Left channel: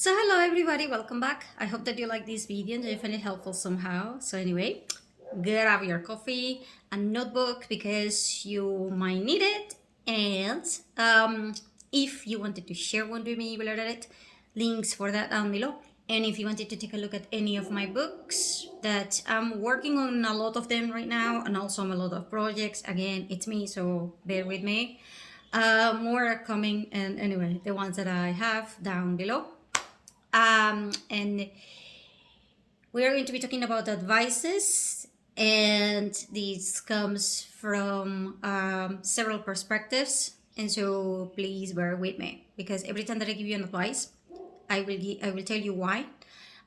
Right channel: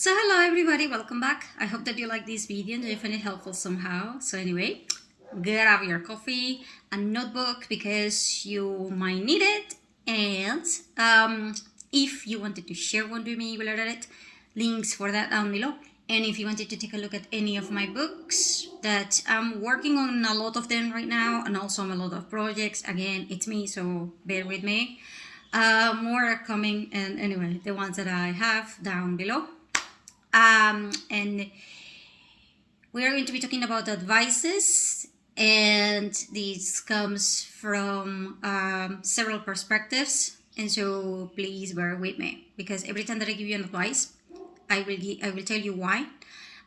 So hello everybody, welcome back. I hope that you like this video and you find it helpful somehow. So anyway, grab your coffee and notebook because you might need it. And if you wanted to share one with me, you will learn it. Links for that down below. And if you wanted to take a look at any of my books, that I'm working on a lot of them right now, and also on a lot of projects. Again, it's me, so bear with me. More are coming, and anyway, the ones that I have down below. And we're going to be talking about advices, and this comes from several perspectives. And so please bear with me, because every time that I give you an advice, I will tell you why,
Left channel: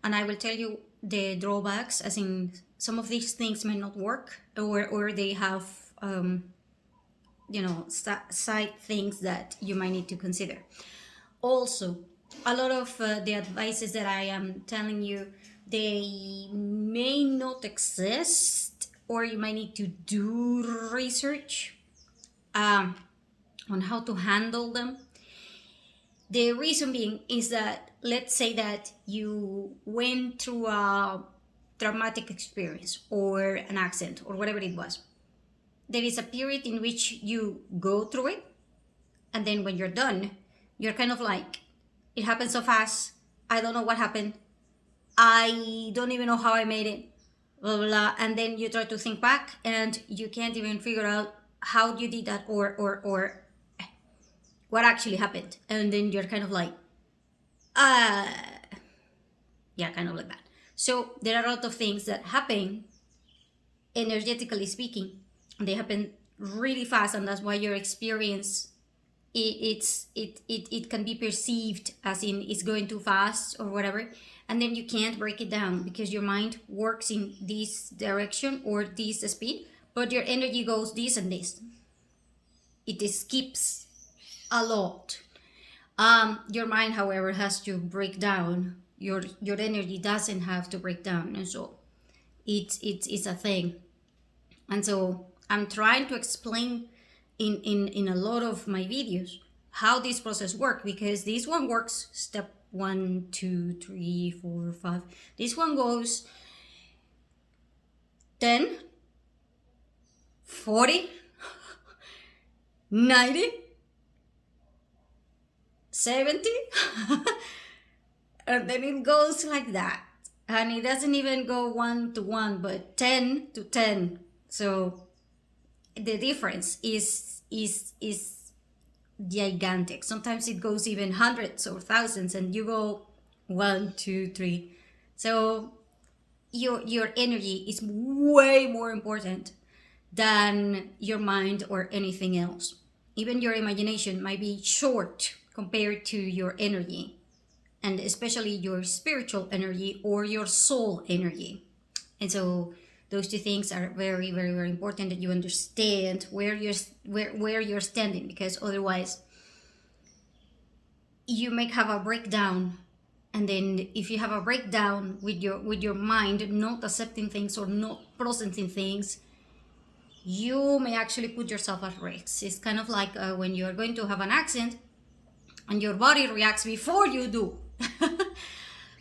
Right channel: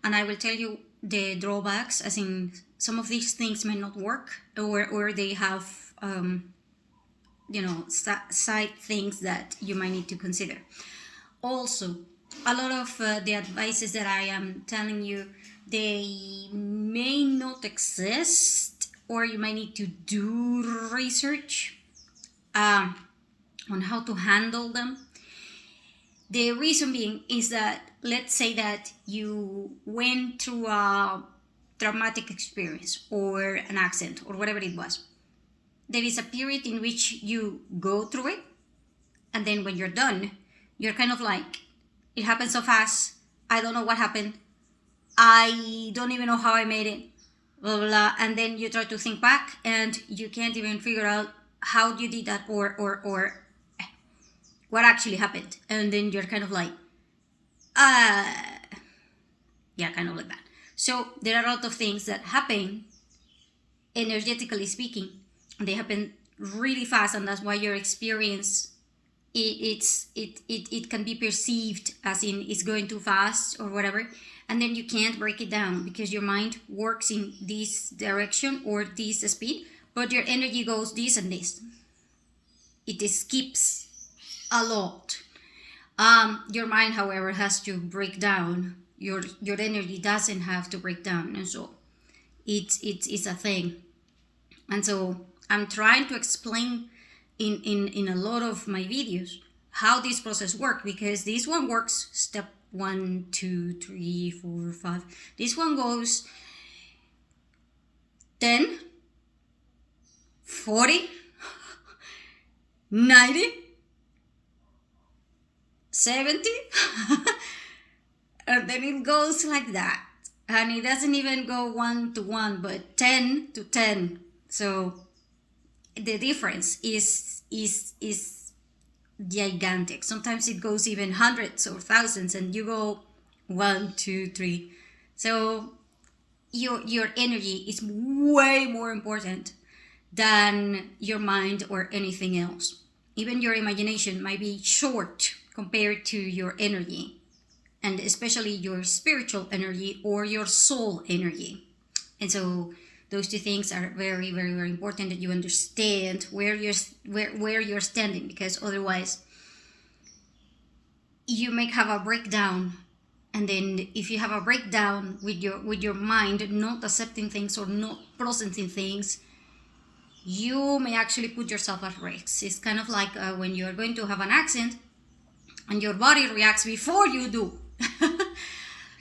and I will tell you the drawbacks, as in some of these things may not work, or they have side things that you might need to consider. Also, a lot of the advices that I am telling you, they may not exist, or you might need to do research on how to handle them. The reason being is that, let's say that you went through a traumatic experience or an accident or whatever it was. There is a period in which you go through it, and then when you're done, you're kind of like, it happened so fast, I don't know what happened, I don't even know how I made it, blah, blah, blah. And then you try to think back and you can't even figure out how you did that, or what actually happened. And then you're kind of like, yeah, kind of like that. So there are a lot of things that happen, energetically speaking, and they happen really fast, and that's why your experience, it can be perceived as in it's going too fast or whatever, and then you can't break it down because your mind works in this direction or this speed, but your energy goes this and this. It skips a lot. Your mind, however, has to break down. Your energy doesn't have to break down, and so it's a thing. And so I'm trying to explain in a lot of my videos how this process works, because this one works step 1, 2, 3, 4, 5. This one goes 10, 40, 90, 70, and then it goes like that. And it doesn't even go 1 to 1, but 10 to 10. So the difference is gigantic. Sometimes it goes even hundreds or thousands, and you go 1, 2, 3. So your energy is way more important than your mind or anything else. Even your imagination might be short compared to your energy, and especially your spiritual energy or your soul energy. And so those two things are very, very, very important, that you understand where you're standing, because otherwise you may have a breakdown. And then if you have a breakdown with your mind not accepting things or not processing things, you may actually put yourself at risk. It's kind of like when you're going to have an accident and your body reacts before you do.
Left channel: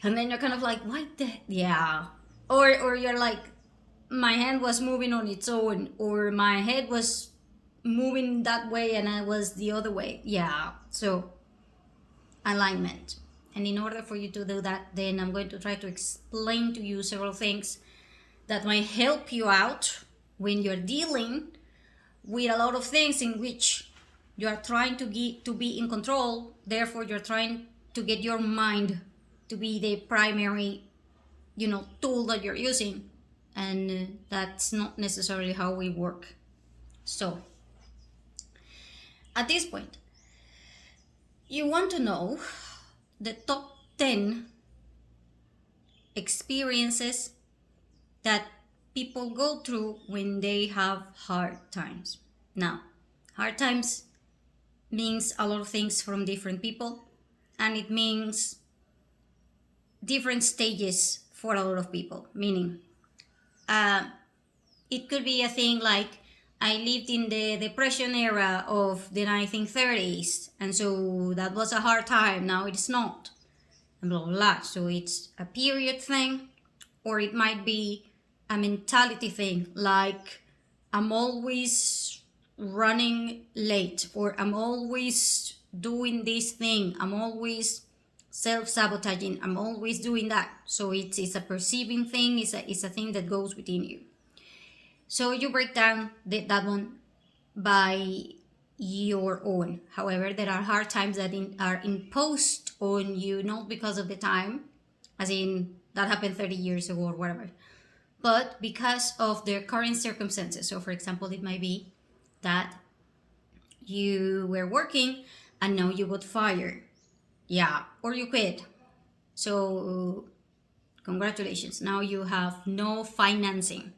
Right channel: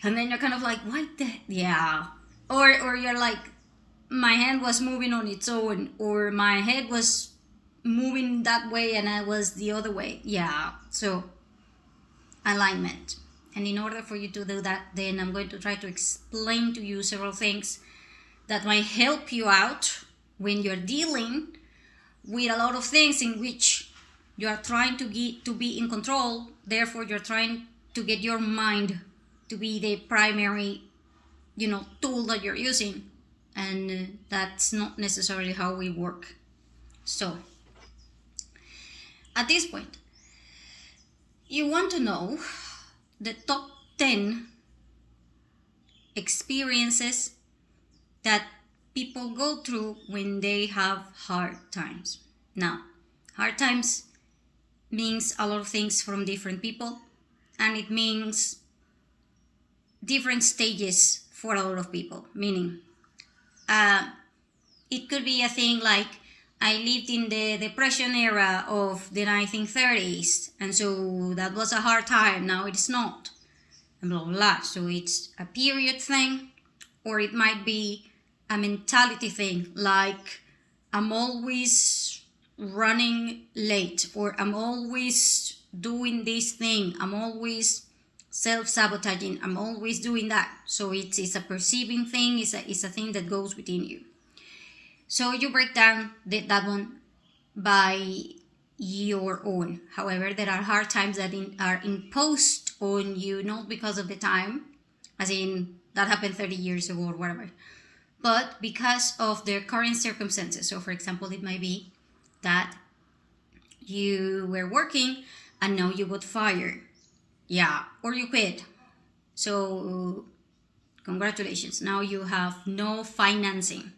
And then you're kind of like, what the, yeah. Or you're like, my hand was moving on its own, or my head was moving that way and I was the other way. Yeah, so alignment. And in order for you to do that, then I'm going to try to explain to you several things that might help you out when you're dealing with a lot of things in which you are trying to be in control. Therefore, you're trying to get your mind to be the primary, tool that you're using. And that's not necessarily how we work. So at this point, you want to know the top 10 experiences that people go through when they have hard times. Now, hard times means a lot of things from different people, and it means different stages for a lot of people. Meaning, it could be a thing like, I lived in the Depression era of the 1930s, and so that was a hard time. Now it's not. and blah, blah, blah. So it's a period thing, or it might be a mentality thing, like I'm always running late, or I'm always doing this thing, I'm always self-sabotaging, I'm always doing that. So it's a perceiving thing, it's a thing that goes within you. So you break down that one by your own. However, there are hard times that are imposed on you, not because of the time, as in that happened 30 years ago or whatever, but because of their current circumstances. So, for example, it might be that you were working and now you got fired. Yeah, or you quit. So, congratulations. Now you have no financing.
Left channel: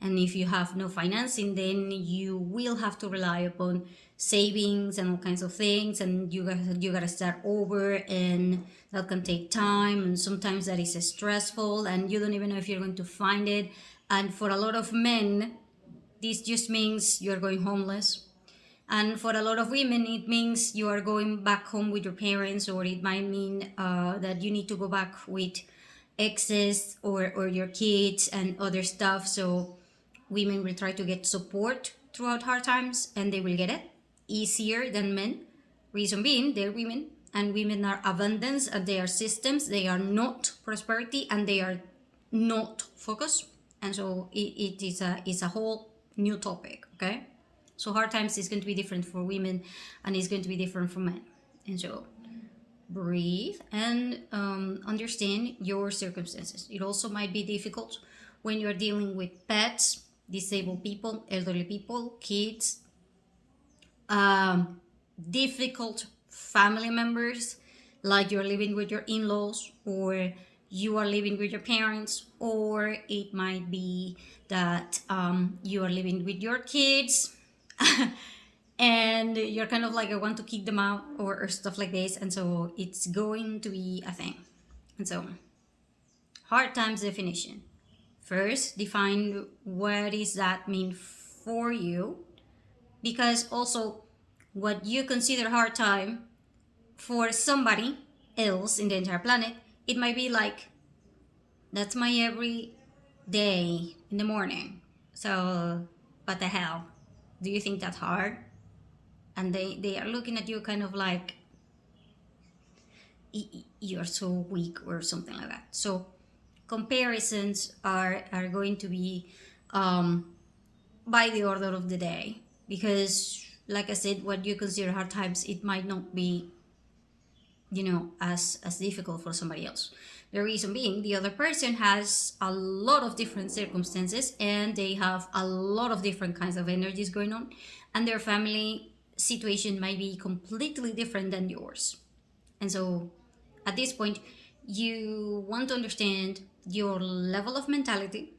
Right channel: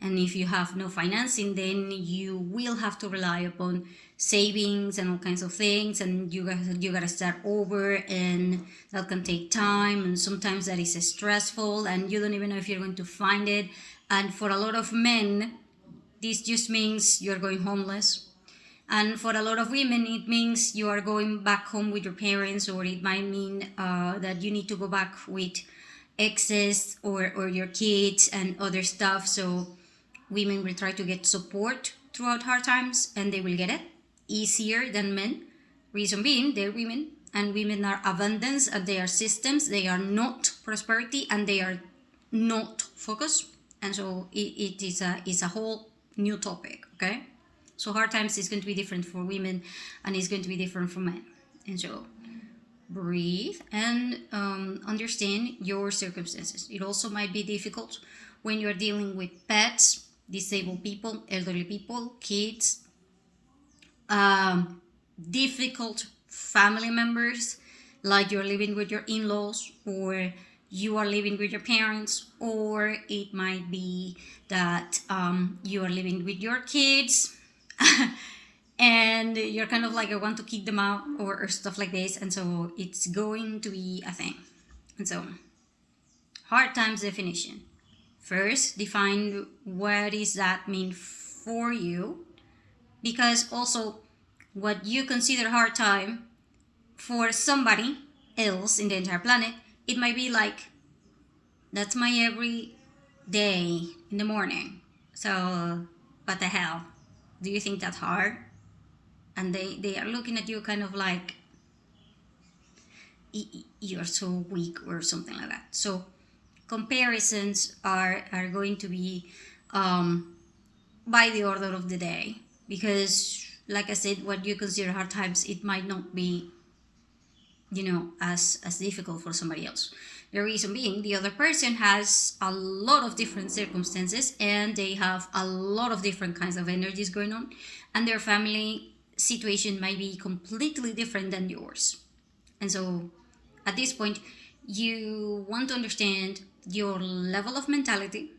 And if you have no financing, then you will have to rely upon savings and all kinds of things, and you gotta start over, and that can take time, and sometimes that is stressful, and you don't even know if you're going to find it. And for a lot of men, this just means you're going homeless. And for a lot of women, it means you are going back home with your parents, or it might mean that you need to go back with exes or your kids and other stuff. So women will try to get support throughout hard times, and they will get it easier than men. Reason being, they're women, and women are abundance, and they are systems. They are not prosperity, and they are not focus. And so it is a whole new topic. Okay, so hard times is going to be different for women, and it's going to be different for men. And so breathe and understand your circumstances. It also might be difficult when you're dealing with pets, disabled people, elderly people, kids, difficult family members, like you're living with your in-laws, or you are living with your parents, or it might be that you are living with your kids and you're kind of like, I want to kick them out, or stuff like this. And so it's going to be a thing. And so hard times definition. First, define what does that mean for you, because also what you consider hard time for somebody else in the entire planet, it might be like, that's my every day in the morning. So what the hell? Do you think that's hard? And they are looking at you kind of like, you're so weak or something like that. So comparisons are going to be by the order of the day, because like I said, what you consider hard times, it might not be as difficult for somebody else. The reason being, the other person has a lot of different circumstances, and they have a lot of different kinds of energies going on, and their family situation might be completely different than yours. And so at this point, you want to understand your level of mentality,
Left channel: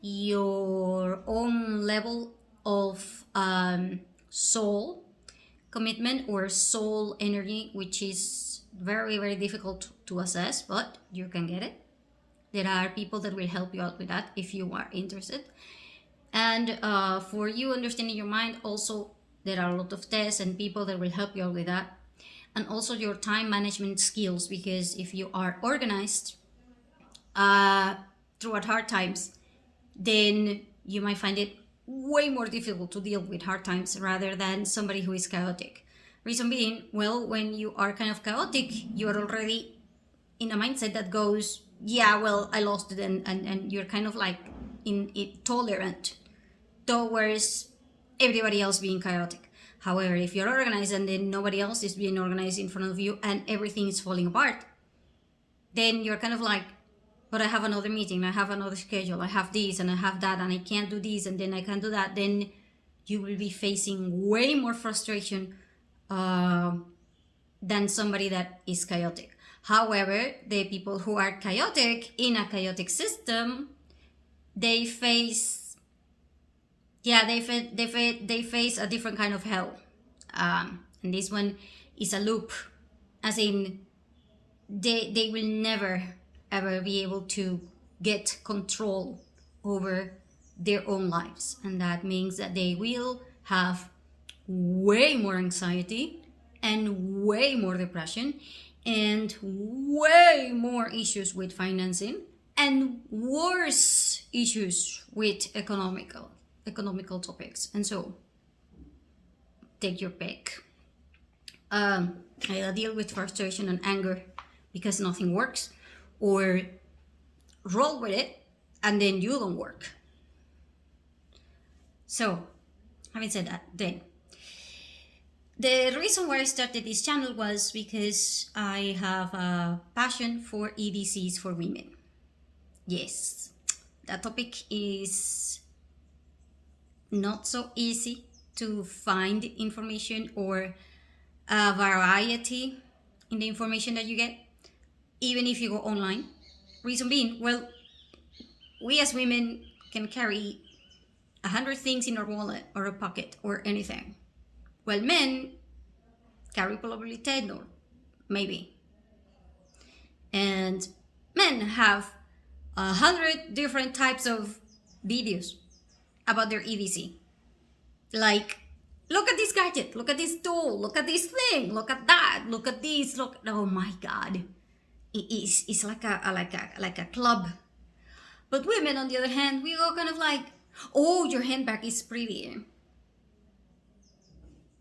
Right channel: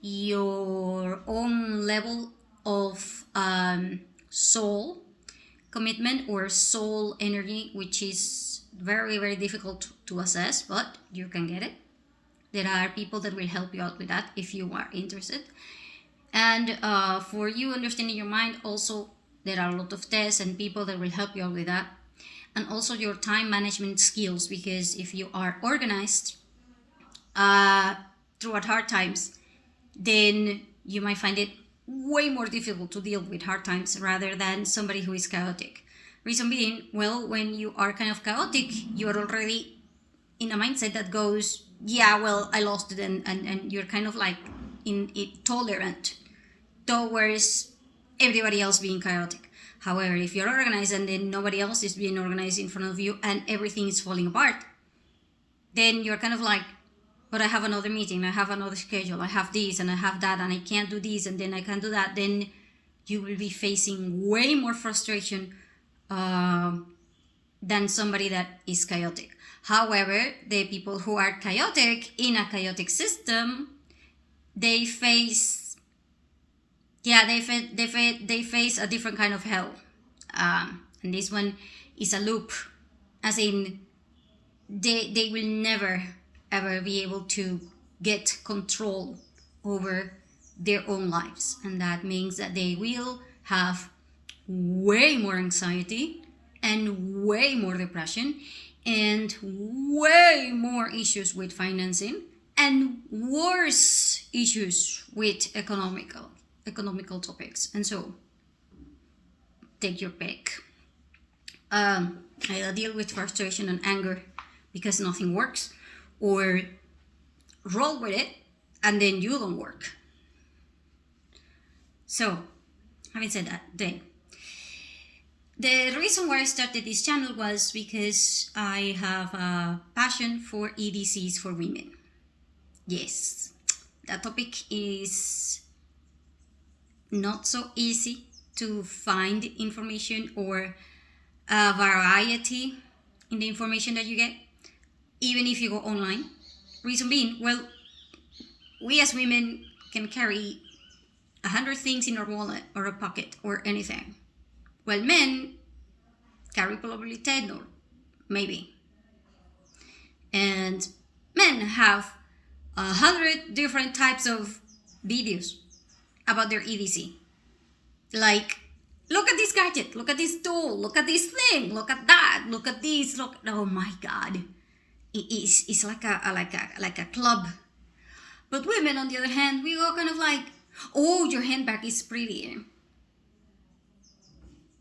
your own level of soul commitment or soul energy, which is very, very difficult to assess, but you can get it. There are people that will help you out with that if you are interested. And for you understanding your mind, also there are a lot of tests and people that will help you out with that. And also your time management skills, because if you are organized throughout hard times, then you might find it way more difficult to deal with hard times rather than somebody who is chaotic. Reason being, well, when you are kind of chaotic, you are already in a mindset that goes, yeah, well, I lost it, and you're kind of like tolerant towards everybody else being chaotic. However, if you're organized and then nobody else is being organized in front of you and everything is falling apart, then you're kind of like, but I have another meeting, I have another schedule, I have this and I have that, and I can't do this and then I can't do that. Then you will be facing way more frustration than somebody that is chaotic. However, the people who are chaotic in a chaotic system, they face they face a different kind of hell, and this one is a loop, as in they will never ever be able to get control over their own lives, and that means that they will have way more anxiety and way more depression, and way more issues with financing and worse issues with economical topics. And so take your pick. Either deal with frustration and anger because nothing works, or roll with it and then you don't work. So having said that, then the reason why I started this channel was because I have a passion for EDCs for women. Yes, that topic is not so easy to find information or a variety in the information that you get, even if you go online. Reason being, well, we as women can carry 100 things in our wallet or a pocket or anything. Well, men carry probably 10 or maybe. And men have 100 different types of videos about their EDC. Like, look at this gadget, look at this tool, look at this thing, look at that, look at this, look. Oh my God, it's like a club. But women, on the other hand, we go kind of like, oh, your handbag is pretty.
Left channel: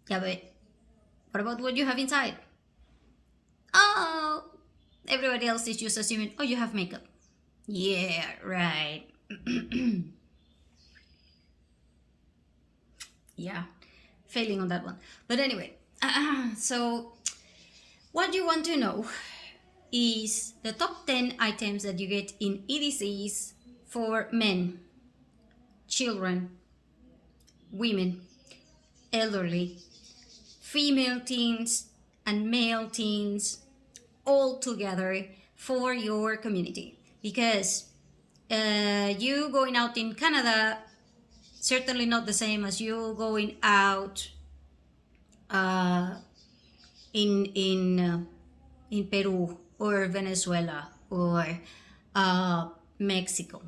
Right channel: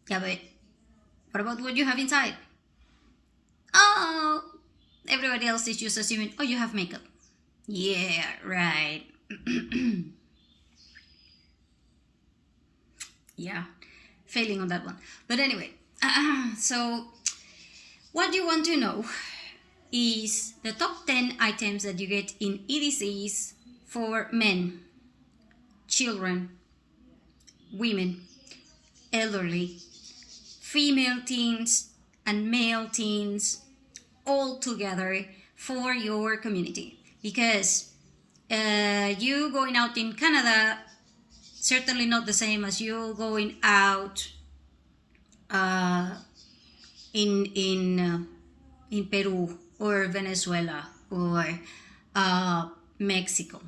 Yeah, but what about what you have inside? Oh, everybody else is just assuming, oh, you have makeup. Yeah, right. Yeah, failing on that one. But anyway, so what you want to know is the top 10 items that you get in EDCs for men, children, women, elderly, female teens, and male teens, all together for your community. Because you going out in Canada, certainly not the same as you going out in Peru or Venezuela or Mexico.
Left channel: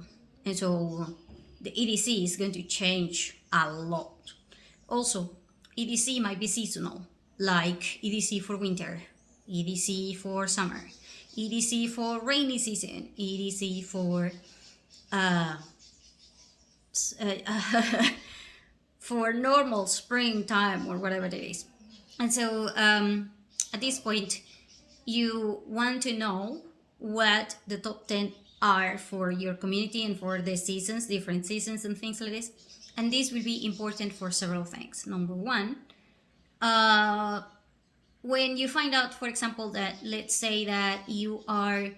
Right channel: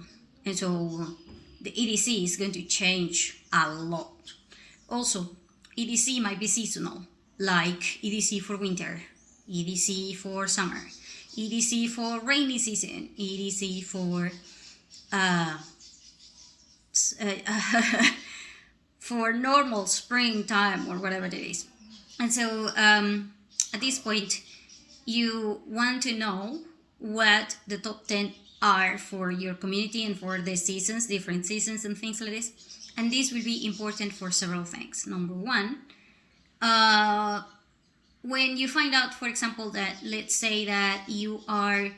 And so the EDC is going to change a lot. Also, EDC might be seasonal, like EDC for winter, EDC for summer, EDC for rainy season, EDC for for normal springtime or whatever it is. And so at this point, you want to know what the top 10 are for your community and for the seasons, different seasons and things like this. And this will be important for several things. Number one, when you find out, for example, that let's say that you are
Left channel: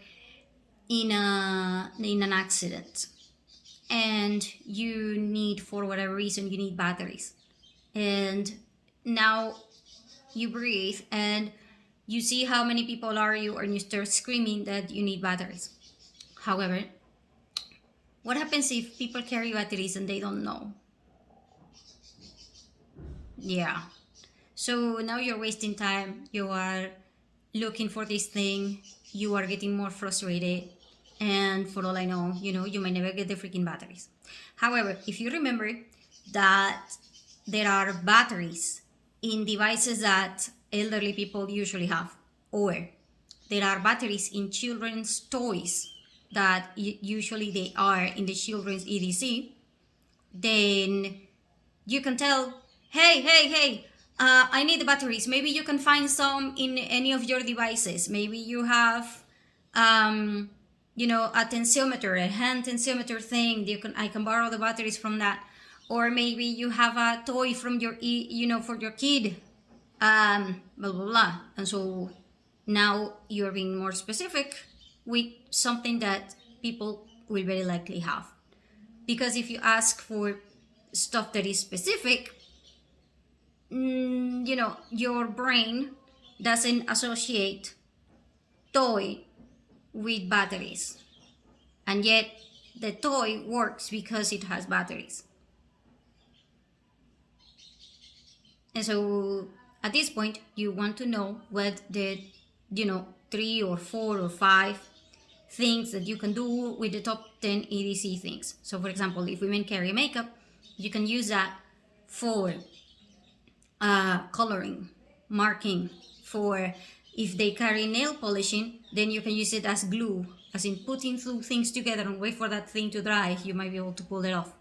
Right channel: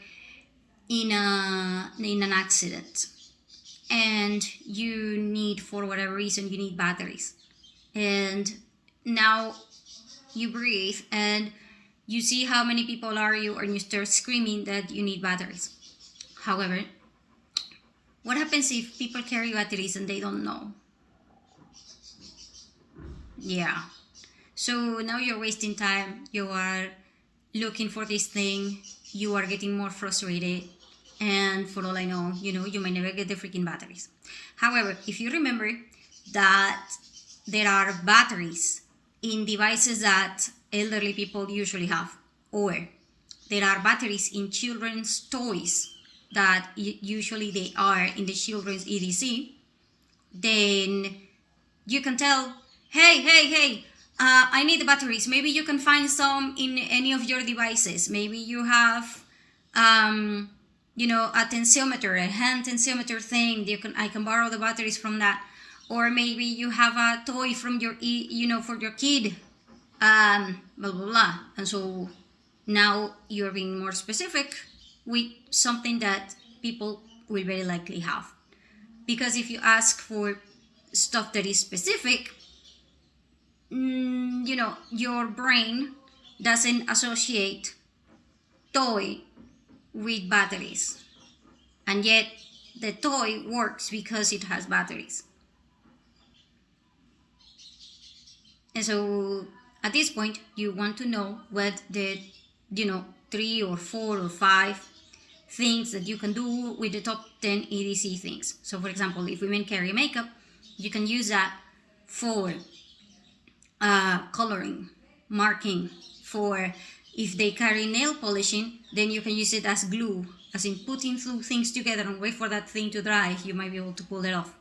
in an accident and you need, for whatever reason, you need batteries, and now you breathe and you see how many people are you, and you start screaming that you need batteries. However, what happens if people carry batteries and they don't know? Yeah, so now you're wasting time, you are looking for this thing, you are getting more frustrated, and for all I know, you might never get the freaking batteries. However, if you remember that there are batteries in devices that elderly people usually have, or there are batteries in children's toys that usually they are in the children's EDC, then you can tell, hey, I need the batteries. Maybe you can find some in any of your devices. Maybe you have a tensiometer, a hand tensiometer thing. I can borrow the batteries from that. Or maybe you have a toy from your for your kid, blah blah blah. And so now you're being more specific with something that people will very likely have. Because if you ask for stuff that is specific, your brain doesn't associate toy with batteries, and yet the toy works because it has batteries. And so at this point, you want to know what the 3 or 4 or 5 things that you can do with the top 10 EDC things. So for example, if women carry makeup, you can use that for coloring, marking, for If they carry nail polishing, then you can use it as glue, as in putting two things together and wait for that thing to dry. You might be able to pull it off.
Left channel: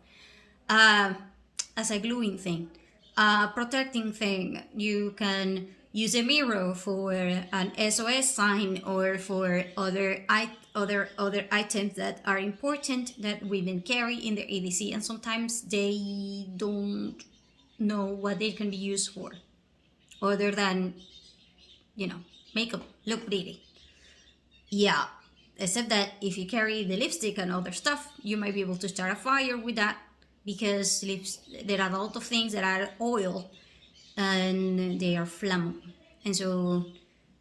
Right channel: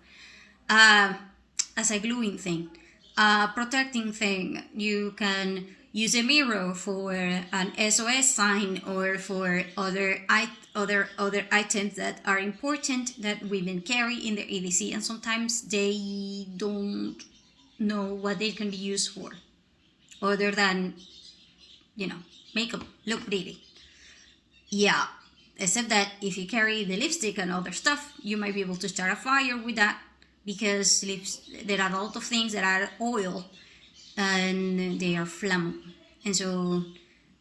As a gluing thing. Protecting thing, you can use a mirror for an SOS sign or for other items that are important that women carry in their EDC, and sometimes they don't know what they can be used for, other than, makeup, look pretty. Yeah, except that if you carry the lipstick and other stuff, you might be able to start a fire with that, because there are a lot of things that are oil and they are flammable. And so,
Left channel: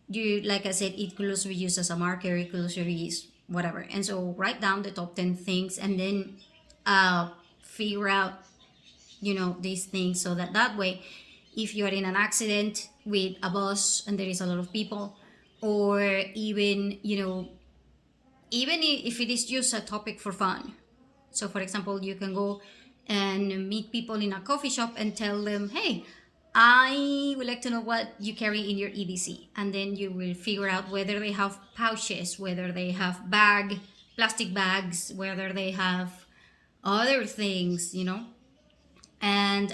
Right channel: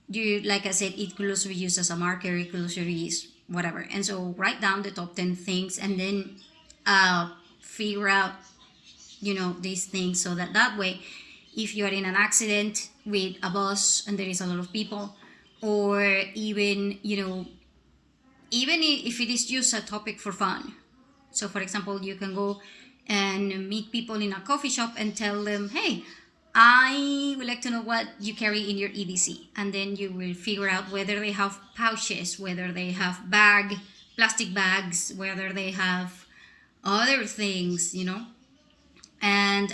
like I said, it could also be used as a marker, it could also be used whatever. And so, write down the top 10 things and then figure out, these things, so that way, if you are in an accident with a bus and there is a lot of people, or even, even if it is just a topic for fun. So, for example, you can go and meet people in a coffee shop and tell them, hey, I would like to know what you carry in your EDC. And then you will figure out whether they have pouches, whether they have plastic bags, whether they have other things, And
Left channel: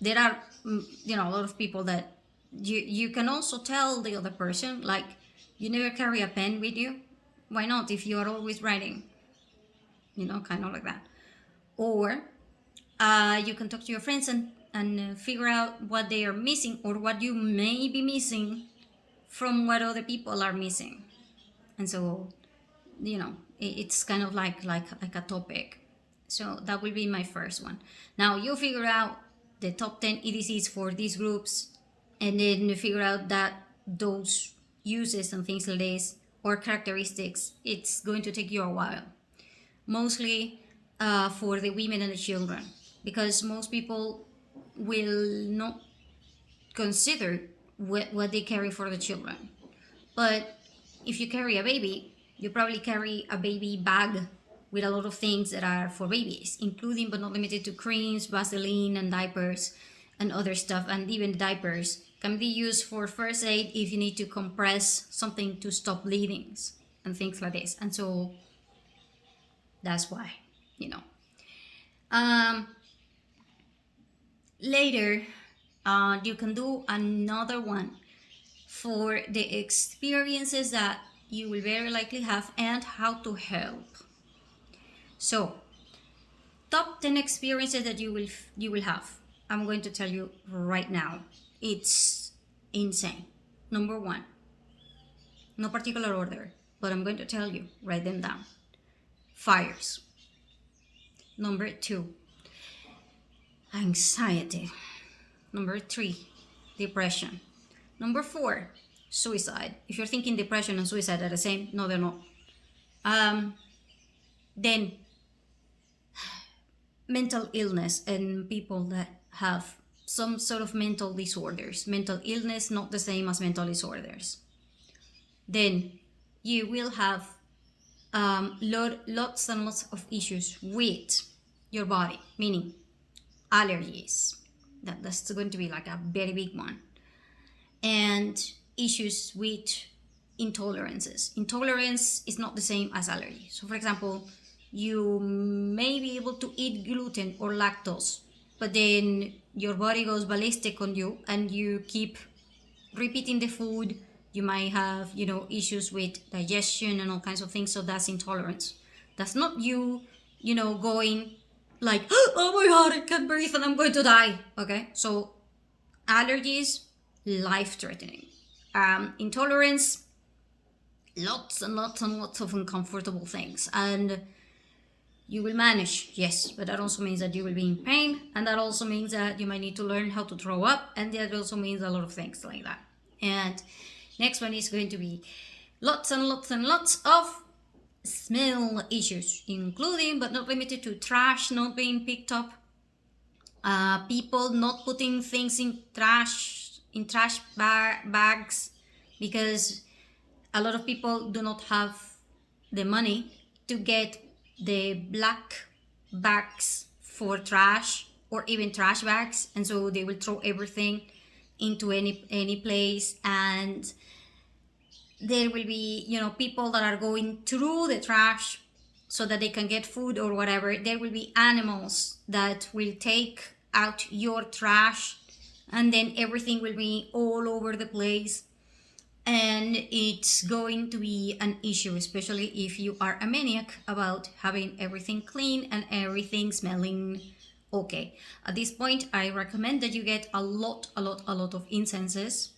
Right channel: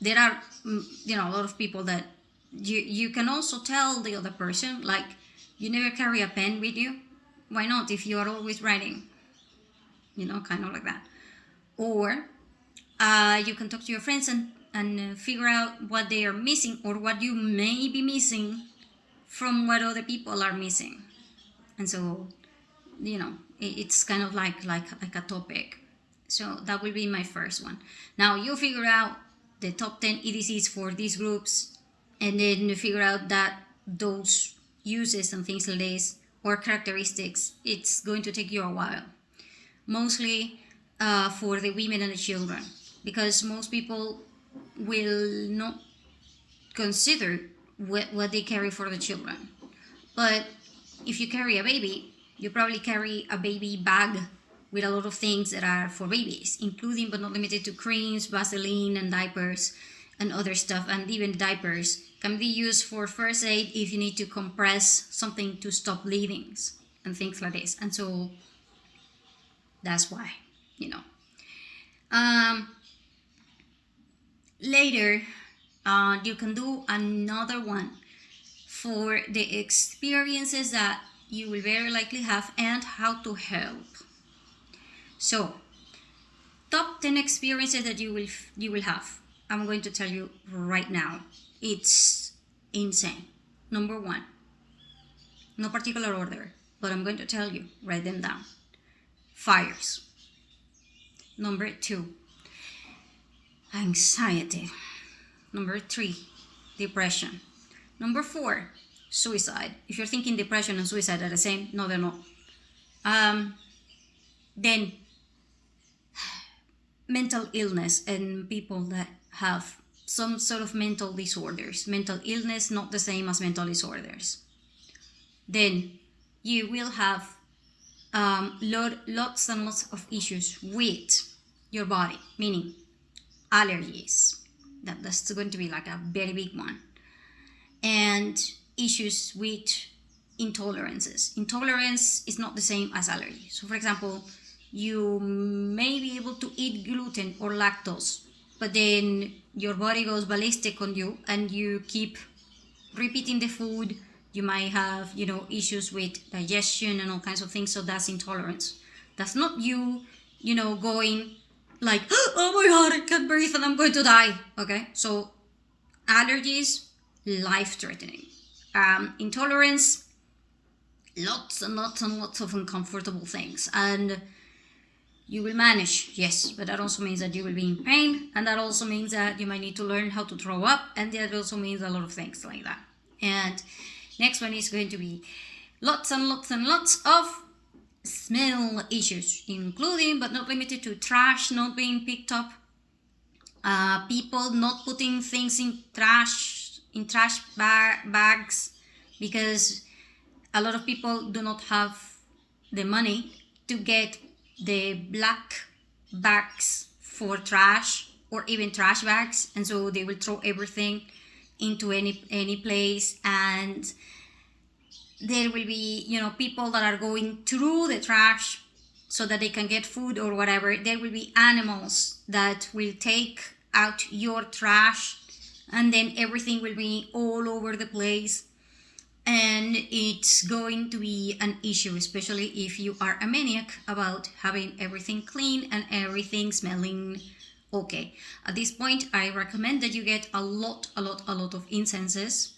there are, a lot of people that you can also tell the other person, like, you never carry a pen with you. Why not, if you are always writing? Kind of like that. Or you can talk to your friends and figure out what they are missing, or what you may be missing from what other people are missing. And so, it's kind of like a topic. So that will be my first one. Now you figure out the top 10 EDCs for these groups, and then you figure out that those uses and things like this, or characteristics, it's going to take you a while. Mostly for the women and the children, because most people will not consider what they carry for the children. But if you carry a baby, you probably carry a baby bag with a lot of things that are for babies, including but not limited to creams, Vaseline, and diapers, and other stuff. And even diapers can be used for first aid if you need to compress something to stop bleedings and things like this. And so that's why, Later, you can do another one for the experiences that you will very likely have and how to help. So, top 10 experiences that you will have. I'm going to tell you right now. It's insane. Number 1, no particular order, but I'm going to tell you. Write them down. Fires. Number 2, anxiety. Number 3, depression. Number 4, suicide. If you're thinking depression and suicide are the same, no, they're not. Then mental illness and people that have some sort of mental disorders. Mental illness, not the same as mental disorders. Then you will have lots and lots of issues with your body, meaning allergies. That's going to be like a very big one. And issues with intolerances. Intolerance is not the same as allergy. So, for example, you may be able to eat gluten or lactose, but then your body goes ballistic on you and you keep repeating the food. You might have, issues with digestion and all kinds of things. So that's intolerance. That's not you, going like, oh my God, I can't breathe and I'm going to die. Okay, so allergies, life-threatening. Intolerance, lots and lots and lots of uncomfortable things. And you will manage, yes, but that also means that you will be in pain, and that also means that you might need to learn how to throw up, and that also means a lot of things like that. And next one is going to be lots and lots and lots of smell issues, including but not limited to trash not being picked up, people not putting things in trash bags, because a lot of people do not have the money to get the black bags for trash or even trash bags, and so they will throw everything into any place, and there will be, people that are going through the trash so that they can get food or whatever. There will be animals that will take out your trash, and then everything will be all over the place, and it's going to be an issue, especially if you are a maniac about having everything clean and everything smelling okay. At this point, I recommend that you get a lot of incenses,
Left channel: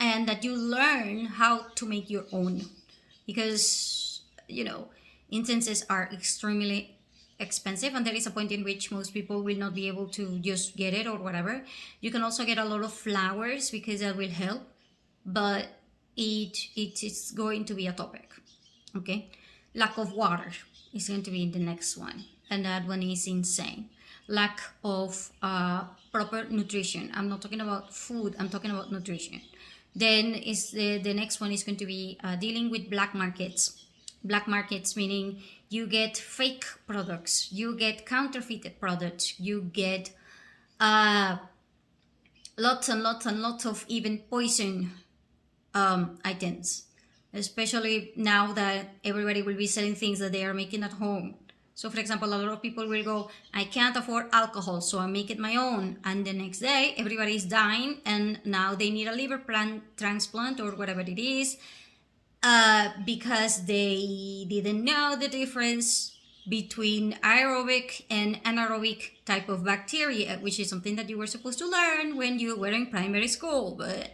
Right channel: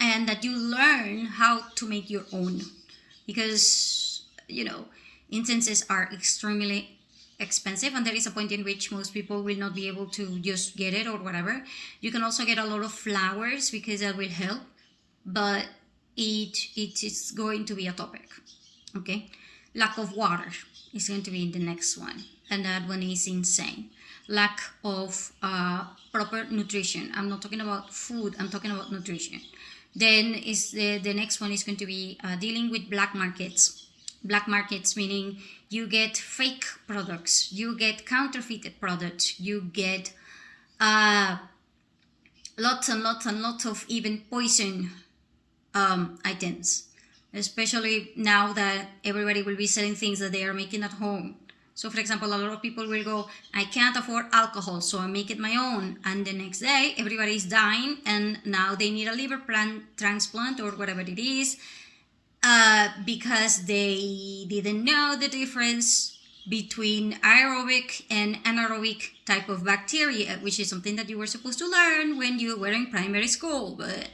and that you learn how to make your own, because incenses are extremely expensive, and there is a point in which most people will not be able to just get it or whatever. You can also get a lot of flowers, because that will help, but it is going to be a topic. Okay, lack of water is going to be the next one, and that one is insane. Lack of proper nutrition. I'm not talking about food, I'm talking about nutrition. Then is the next one is going to be dealing with black markets. Black markets meaning you get fake products, you get counterfeited products, you get lots and lots of even poison items, especially now that everybody will be selling things that they are making at home. So for example, a lot of people will go, I can't afford alcohol, so I make it my own, and the next day everybody is dying, and now they need a liver transplant or whatever it is, because they didn't know the difference between aerobic and anaerobic type of bacteria, which is something that you were supposed to learn when you were in primary school, but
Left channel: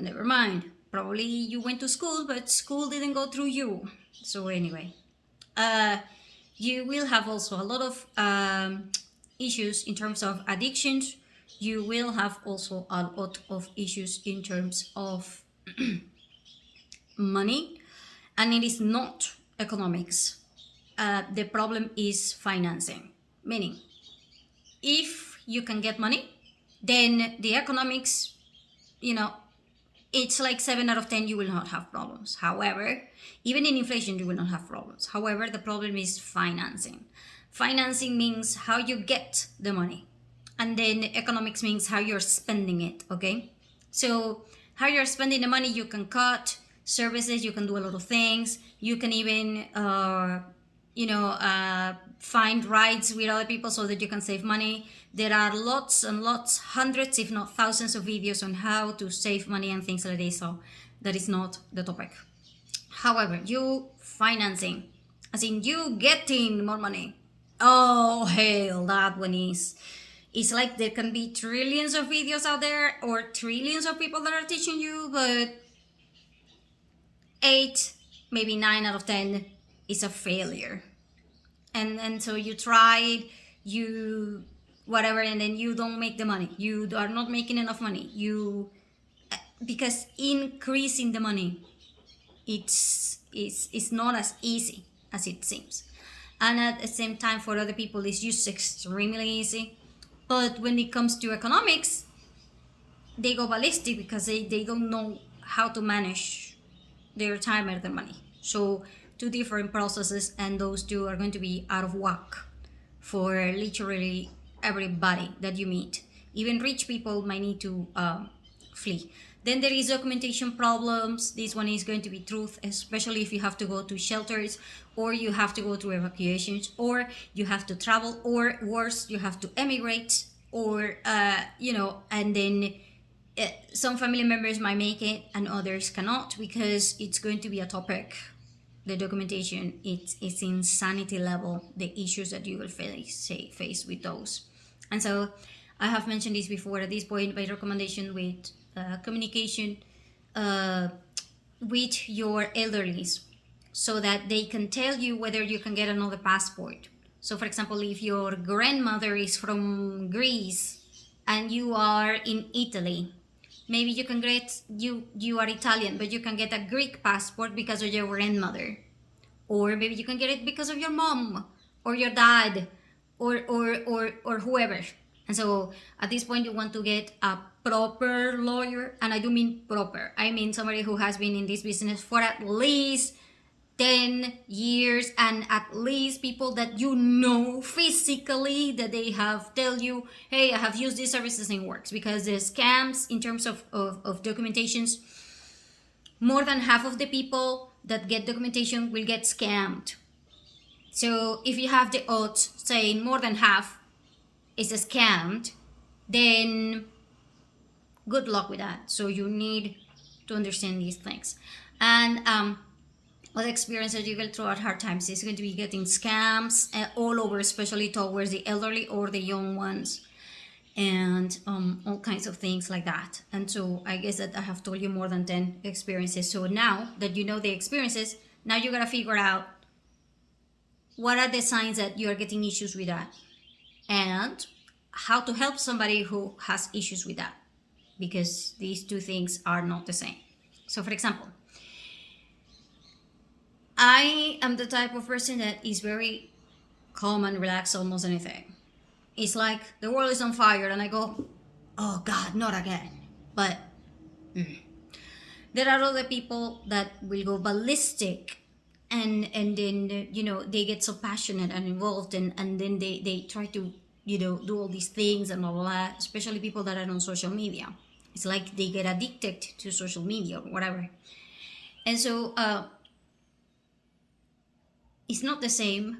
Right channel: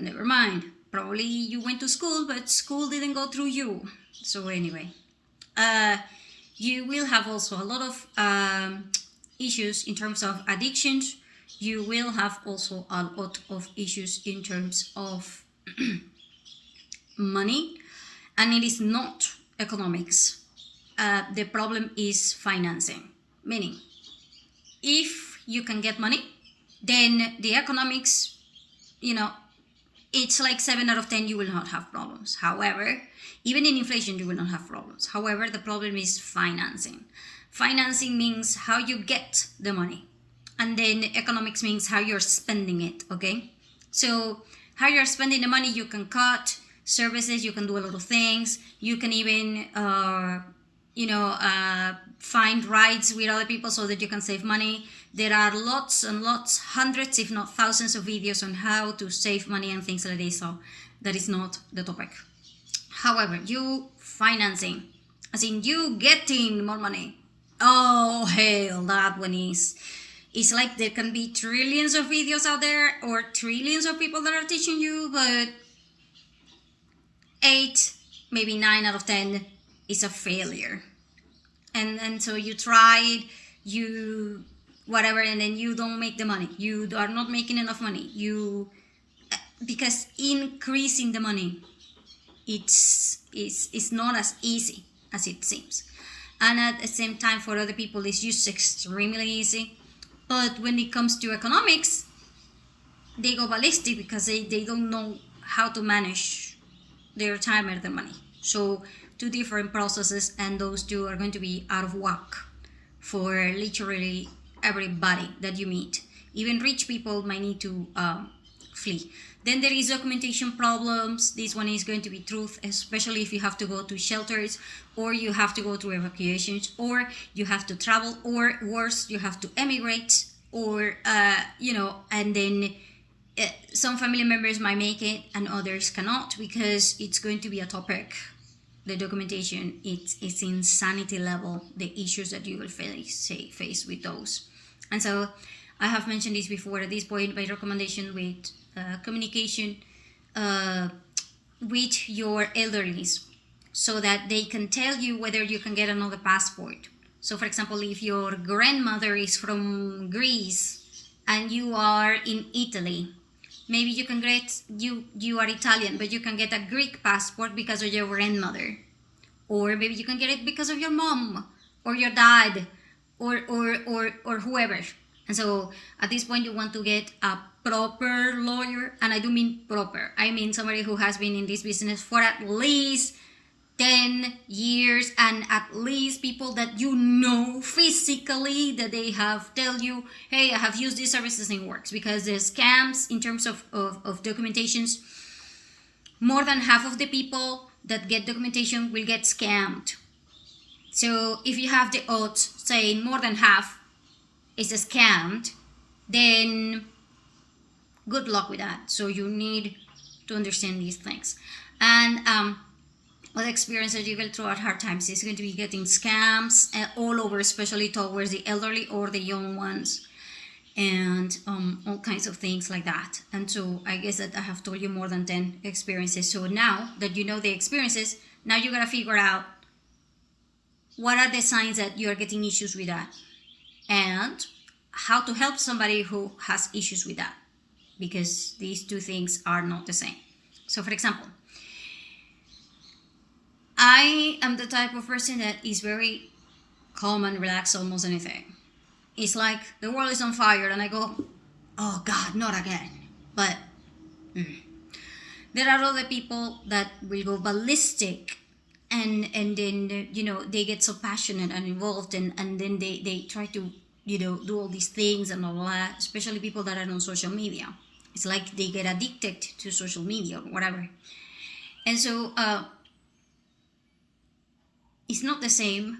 never mind. Probably you went to school, but school didn't go through you. So anyway, you will have also a lot of issues in terms of addictions. You will have also a lot of issues in terms of money, and it is not economics. The problem is financing, meaning if you can get money, then the economics, it's like 7 out of 10, you will not have problems. However, even in inflation, you will not have problems. However, the problem is financing. Financing means how you get the money. And then economics means how you're spending it, okay? So how you're spending the money, you can cut services, you can do a lot of things. You can even, find rides with other people so that you can save money. There are lots and lots, hundreds if not thousands of videos on how to save money and things like this, so that is not the topic. However, you financing, as in you getting more money, oh hell, that one is, it's like there can be trillions of videos out there or trillions of people that are teaching you, but 8, maybe 9 out of 10 is a failure. And so you tried, you whatever, and then you don't make the money. You are not making enough money. Because increasing the money, it's not as easy as it seems. And at the same time, for other people, it's just extremely easy. But when it comes to economics, they go ballistic because they don't know how to manage their time and their money. So 2 different processes, and those 2 are going to be out of whack for literally everybody that you meet. Even rich people might need to flee. Then there is documentation problems. This one is going to be truth, especially if you have to go to shelters, or you have to go to evacuations, or you have to travel, or worse, you have to emigrate, or and then some family members might make it and others cannot, because it's going to be a topic. The documentation, it's insanity level, the issues that you will face with those. And so I have mentioned this before. At this point, my recommendation with communication with your elderlies, so that they can tell you whether you can get another passport. So for example, if your grandmother is from Greece and you are in Italy, maybe you can get, you are Italian, but you can get a Greek passport because of your grandmother. Or maybe you can get it because of your mom or your dad or whoever. And so at this point, you want to get a proper lawyer. And I do mean proper. I mean somebody who has been in this business for at least 10 years, and at least people that you know physically that they have tell you, hey, I have used these services and it works. Because the scams in terms of documentations, more than half of the people that get documentation will get scammed. So if you have the odds saying more than half is scammed, then good luck with that. So you need to understand these things. And other experiences you will throw at hard times is going to be getting scams all over, especially towards the elderly or the young ones, and all kinds of things like that. And so I guess that I have told you more than 10 experiences. So now that you know the experiences, now you gotta figure out what are the signs that you are getting issues with that, and how to help somebody who has issues with that, because these two things are not the same. So for example, I am the type of person that is very calm and relaxed almost anything. It's like the world is on fire and I go, oh God, not again. But there are other people that will go ballistic, and then they get so passionate and involved, and then they try to do all these things and all that, especially people that are on social media. It's like they get addicted to social media or whatever. And so it's not the same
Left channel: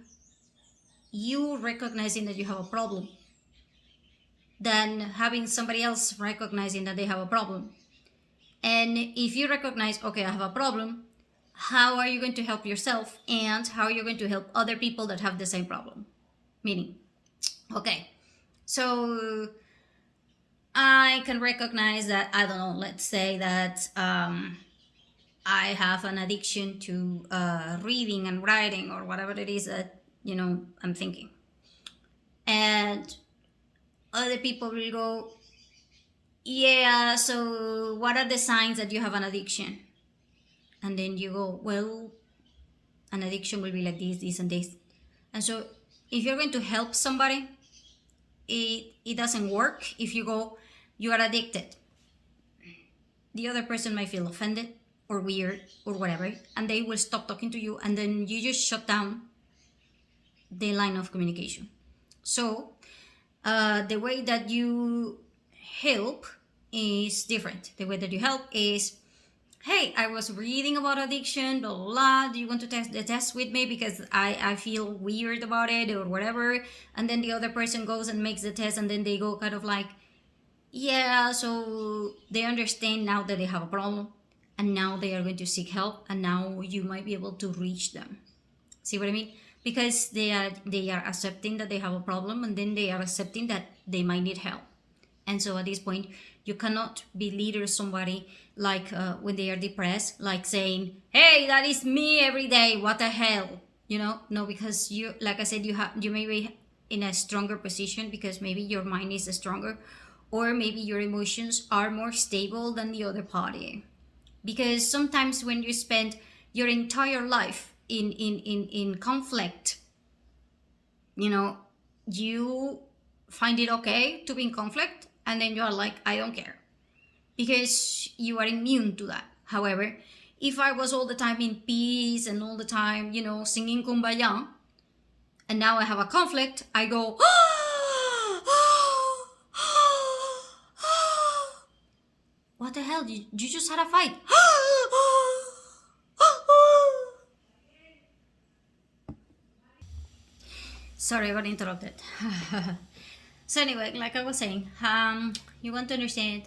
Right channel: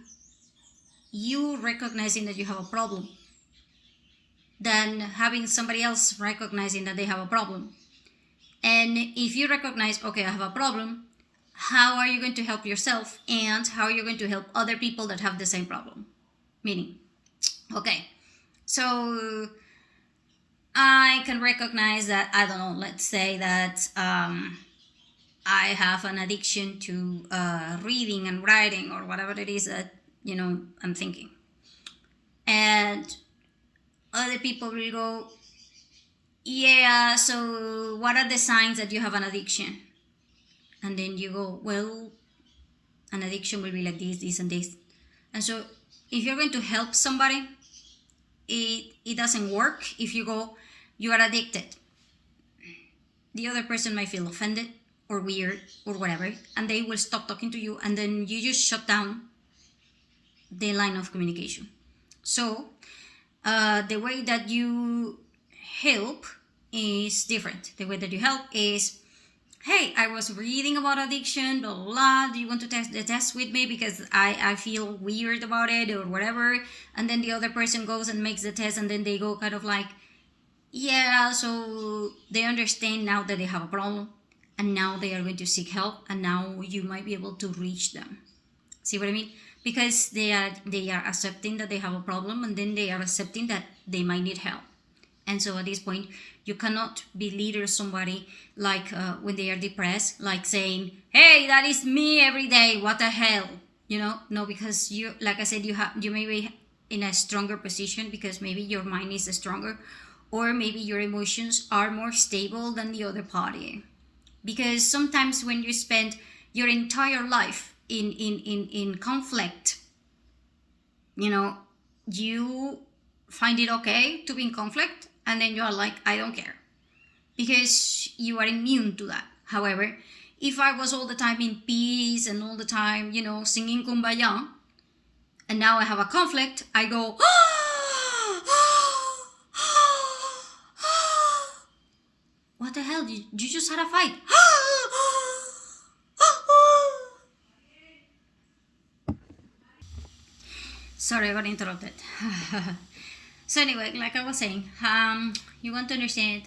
you recognizing that you have a problem than having somebody else recognizing that they have a problem. And if you recognize, okay, I have a problem, how are you going to help yourself, and how are you going to help other people that have the same problem? Meaning, okay, so I can recognize that, I don't know, let's say that I have an addiction to reading and writing or whatever it is that I'm thinking. And other people will go, yeah, so what are the signs that you have an addiction? And then you go, well, an addiction will be like this, and this. And so if you're going to help somebody, it doesn't work if you go, you are addicted. The other person might feel offended or weird or whatever, and they will stop talking to you, and then you just shut down the line of communication. So the way that you help is different. The way that you help is, hey, I was reading about addiction, blah, blah, blah. Do you want to test the test with me? Because I feel weird about it or whatever. And then the other person goes and makes the test, and then they go kind of like, yeah, so they understand now that they have a problem, and now they are going to seek help, and now you might be able to reach them. See what I mean? Because they are accepting that they have a problem, and then they are accepting that they might need help. And so at this point, you cannot belittle somebody like when they are depressed, like saying, hey, that is me every day, what the hell? No, because you, like I said, you may be in a stronger position because maybe your mind is stronger, or maybe your emotions are more stable than the other party. Because sometimes when you spend your entire life in conflict, you find it okay to be in conflict, and then you are like, I don't care, because you are immune to that. However, if I was all the time in peace and all the time, singing Kumbaya, and now I have a conflict, I go, what the hell? You just had a fight. Sorry, I got interrupted. So anyway, like I was saying, you want to understand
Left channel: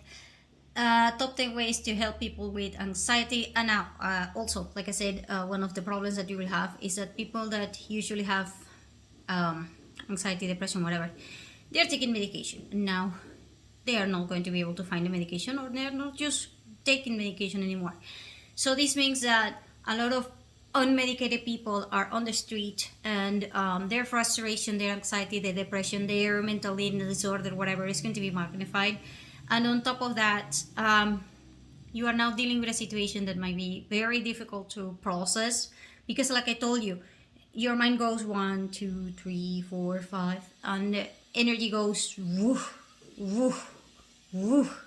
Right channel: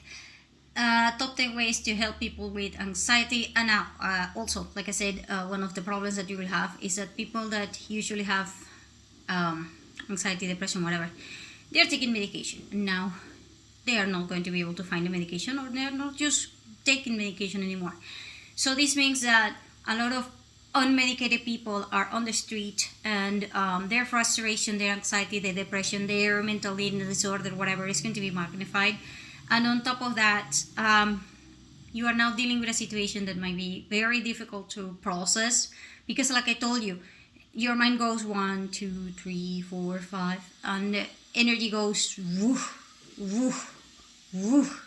top 10 ways to help people with anxiety. And now, also, like I said, one of the problems that you will have is that people that usually have anxiety, depression, whatever, they are taking medication. And now they are not going to be able to find the medication, or they're not just taking medication anymore. So this means that a lot of unmedicated people are on the street, and their frustration, their anxiety, their depression, their mental illness disorder, whatever, is going to be magnified. And on top of that, you are now dealing with a situation that might be very difficult to process, because like I told you, your mind goes 1, 2, 3, 4, 5, and energy goes woof, woof, woof.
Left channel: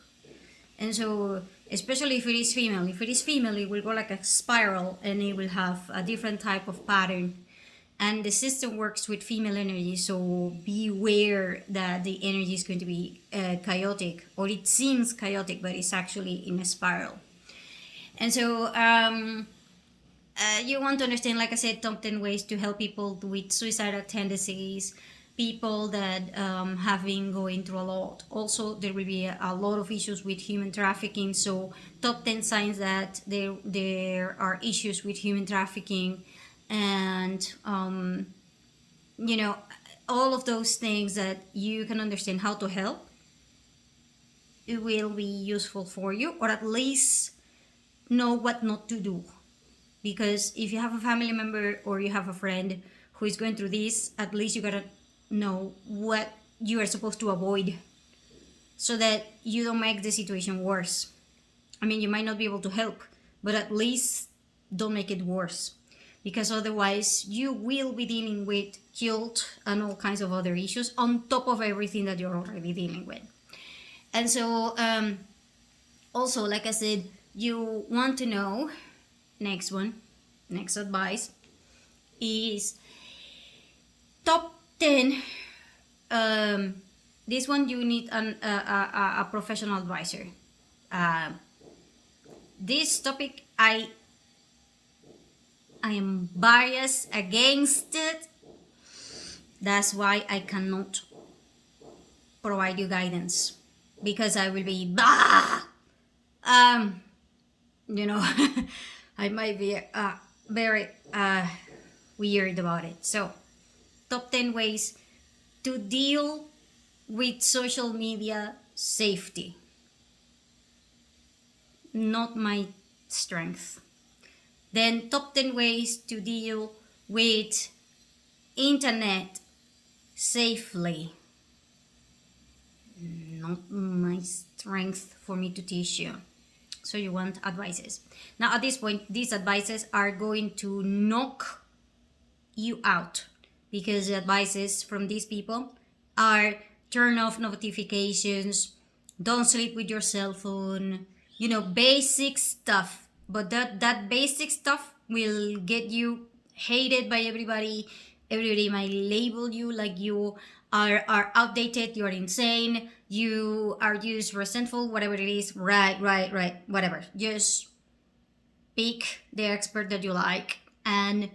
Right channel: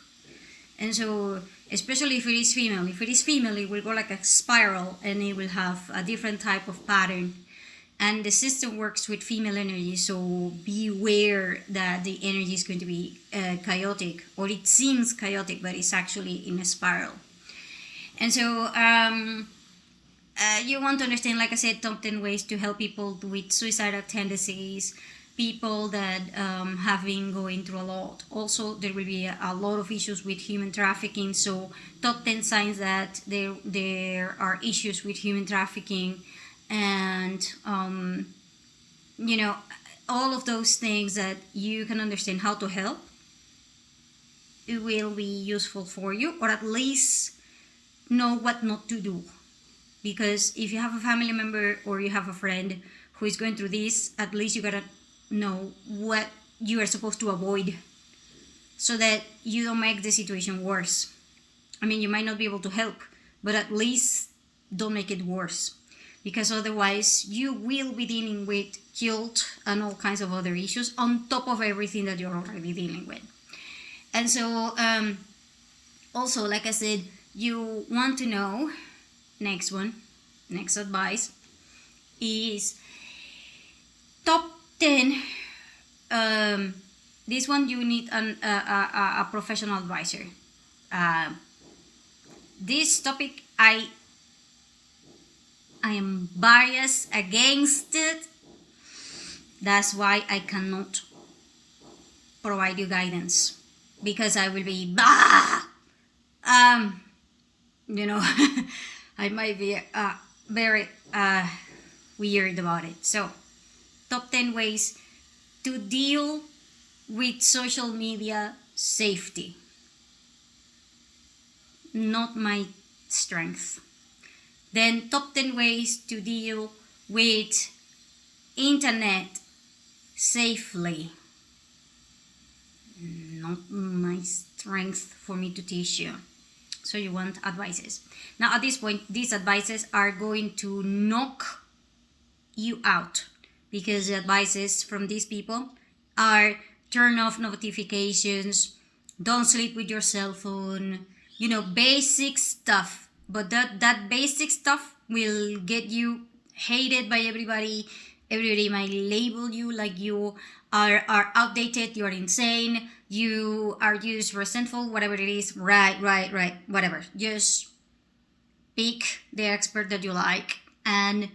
And so especially if it is female. If it is female, it will go like a spiral and it will have a different type of pattern. And the system works with female energy, so beware that the energy is going to be chaotic, or it seems chaotic, but it's actually in a spiral. And so you want to understand, like I said, top 10 ways to help people with suicidal tendencies, people that have been going through a lot. Also, there will be a lot of issues with human trafficking. So, top 10 signs that there are issues with human trafficking, and all of those things that you can understand how to help. It will be useful for you, or at least know what not to do. Because if you have a family member or you have a friend who is going through this, at least you gotta know what you are supposed to avoid, so that you don't make the situation worse. I mean, you might not be able to help, but at least don't make it worse, because otherwise you will be dealing with guilt and all kinds of other issues on top of everything that you're already dealing with. And so also, like I said, you want to know, next advice is top 10. This one you need a professional advisor. This topic I am biased against it. That's why I cannot provide you guidance, because I will be I might be very weird about it. So, top 10 ways to deal with social media safety. Not my strength. Then, top 10 ways to deal with internet safely. Not my strength for me to teach you. So you want advices. Now at this point, these advices are going to knock you out, because the advices from these people are turn off notifications, don't sleep with your cell phone, basic stuff. But that basic stuff will get you hated by everybody. Everybody might label you like you are outdated, you are insane, you are just resentful, whatever it is. Right, whatever. Just pick the expert that you like and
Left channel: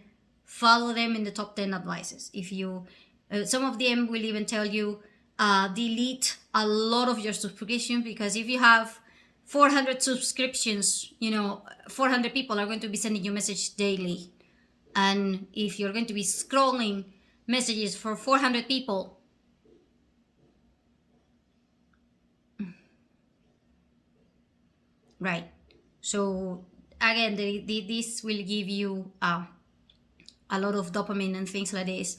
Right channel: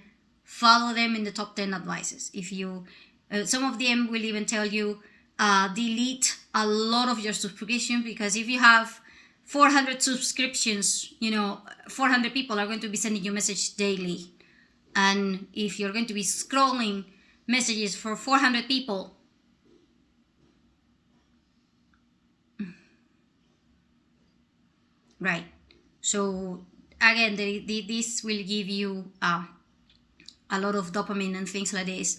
follow them in the top 10 advices. If you some of them will even tell you delete a lot of your subscription, because if you have 400 subscriptions, 400 people are going to be sending you message daily. And if you're going to be scrolling messages for 400 people, right? So again, this will give you a lot of dopamine and things like this.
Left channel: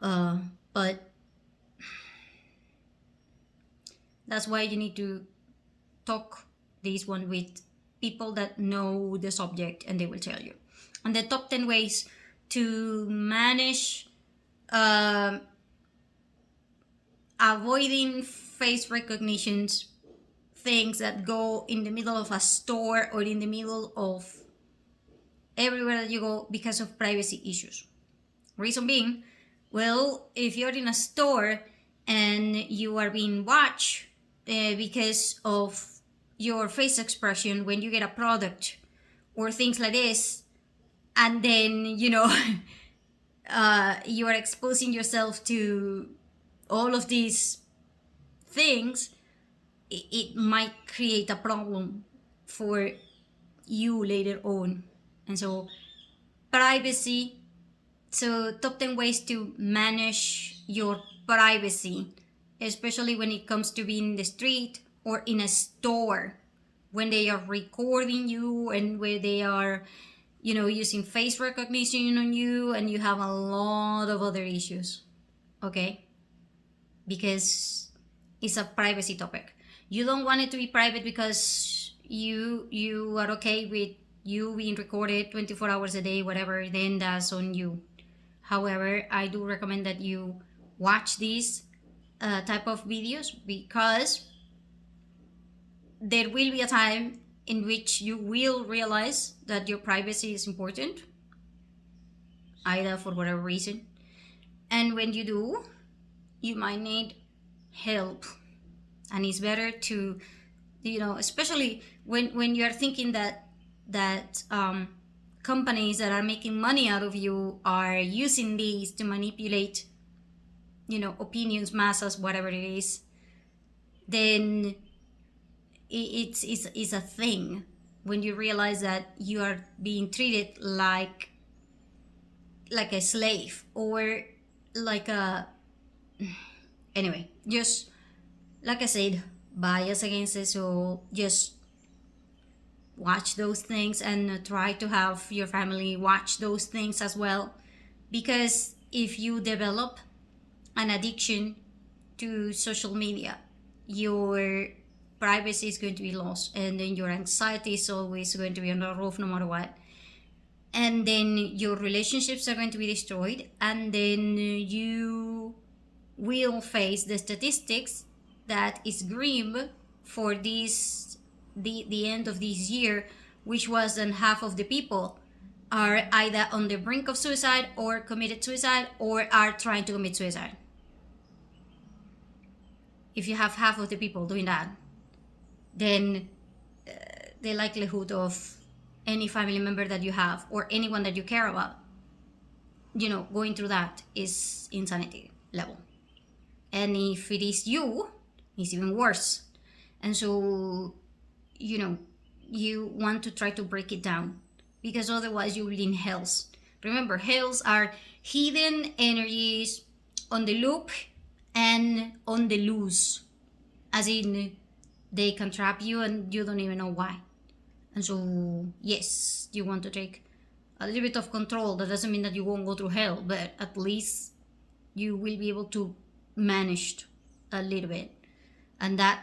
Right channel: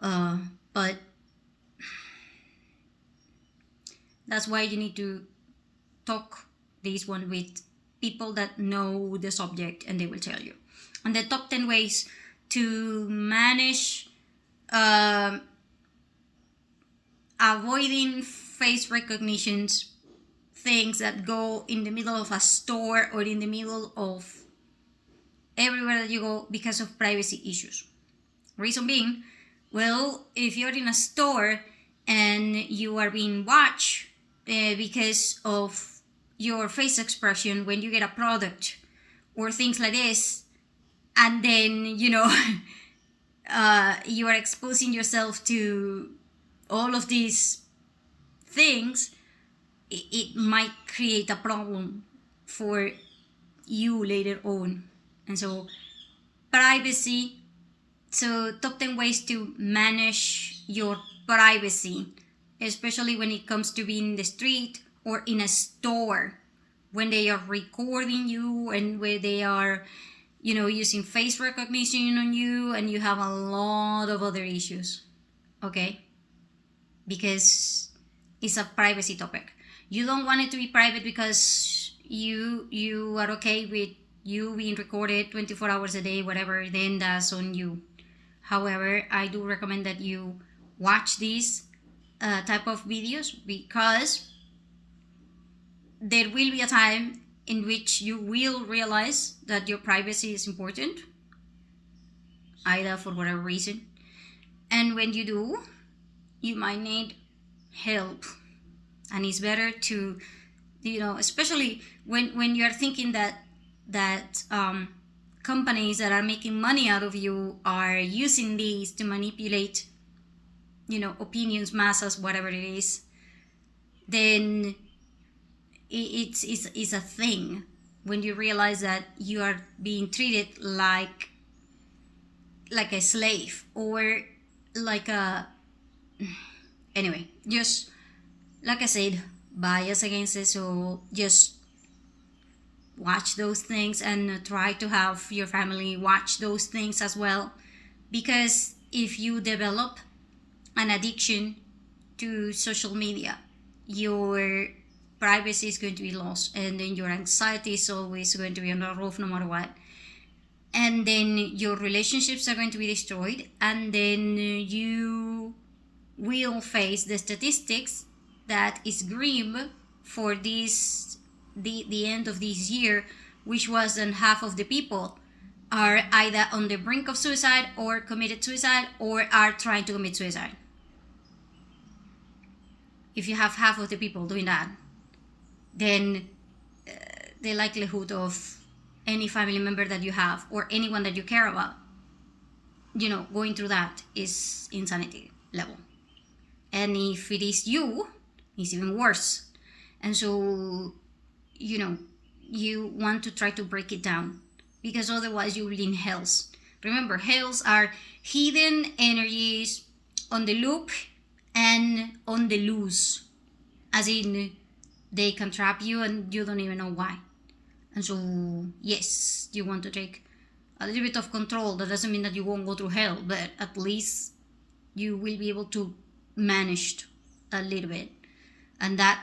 But that's why you need to talk this one with people that know the subject, and they will tell you. And the top 10 ways to manage avoiding face recognitions, things that go in the middle of a store or in the middle of everywhere that you go, because of privacy issues. Reason being, well, if you're in a store and you are being watched because of your face expression when you get a product or things like this, and then you are exposing yourself to all of these things, it might create a problem for you later on. And so privacy. So top 10 ways to manage your privacy, especially when it comes to being in the street or in a store, when they are recording you and where they are using face recognition on you, and you have a lot of other issues. Okay, because it's a privacy topic. You don't want it to be private because you are okay with you being recorded 24 hours a day, whatever, then that's on you. However, I do recommend that you watch these type of videos, because there will be a time in which you will realize that your privacy is important, either for whatever reason. And when you do, you might need help. And it's better to, especially when you're thinking that companies that are making money out of you are using these to manipulate, opinions, masses, whatever it is, then it's a thing when you realize that you are being treated like a slave, or like a, anyway, just like I said, bias against it. So just watch those things, and try to have your family watch those things as well, because if you develop an addiction to social media, your privacy is going to be lost, and then your anxiety is always going to be on the roof no matter what, and then your relationships are going to be destroyed, and then you will face the statistics that is grim for the end of this year, which was that half of the people are either on the brink of suicide, or committed suicide, or are trying to commit suicide. If you have half of the people doing that, then the likelihood of any family member that you have, or anyone that you care about, going through that is insanity level. And if it is you, it's even worse. And so, you want to try to break it down, because otherwise you will be in hells. Remember, hells are hidden energies on the loop and on the loose, as in they can trap you and you don't even know why. And so, yes, you want to take a little bit of control. That doesn't mean that you won't go through hell, but at least you will be able to manage a little bit. And that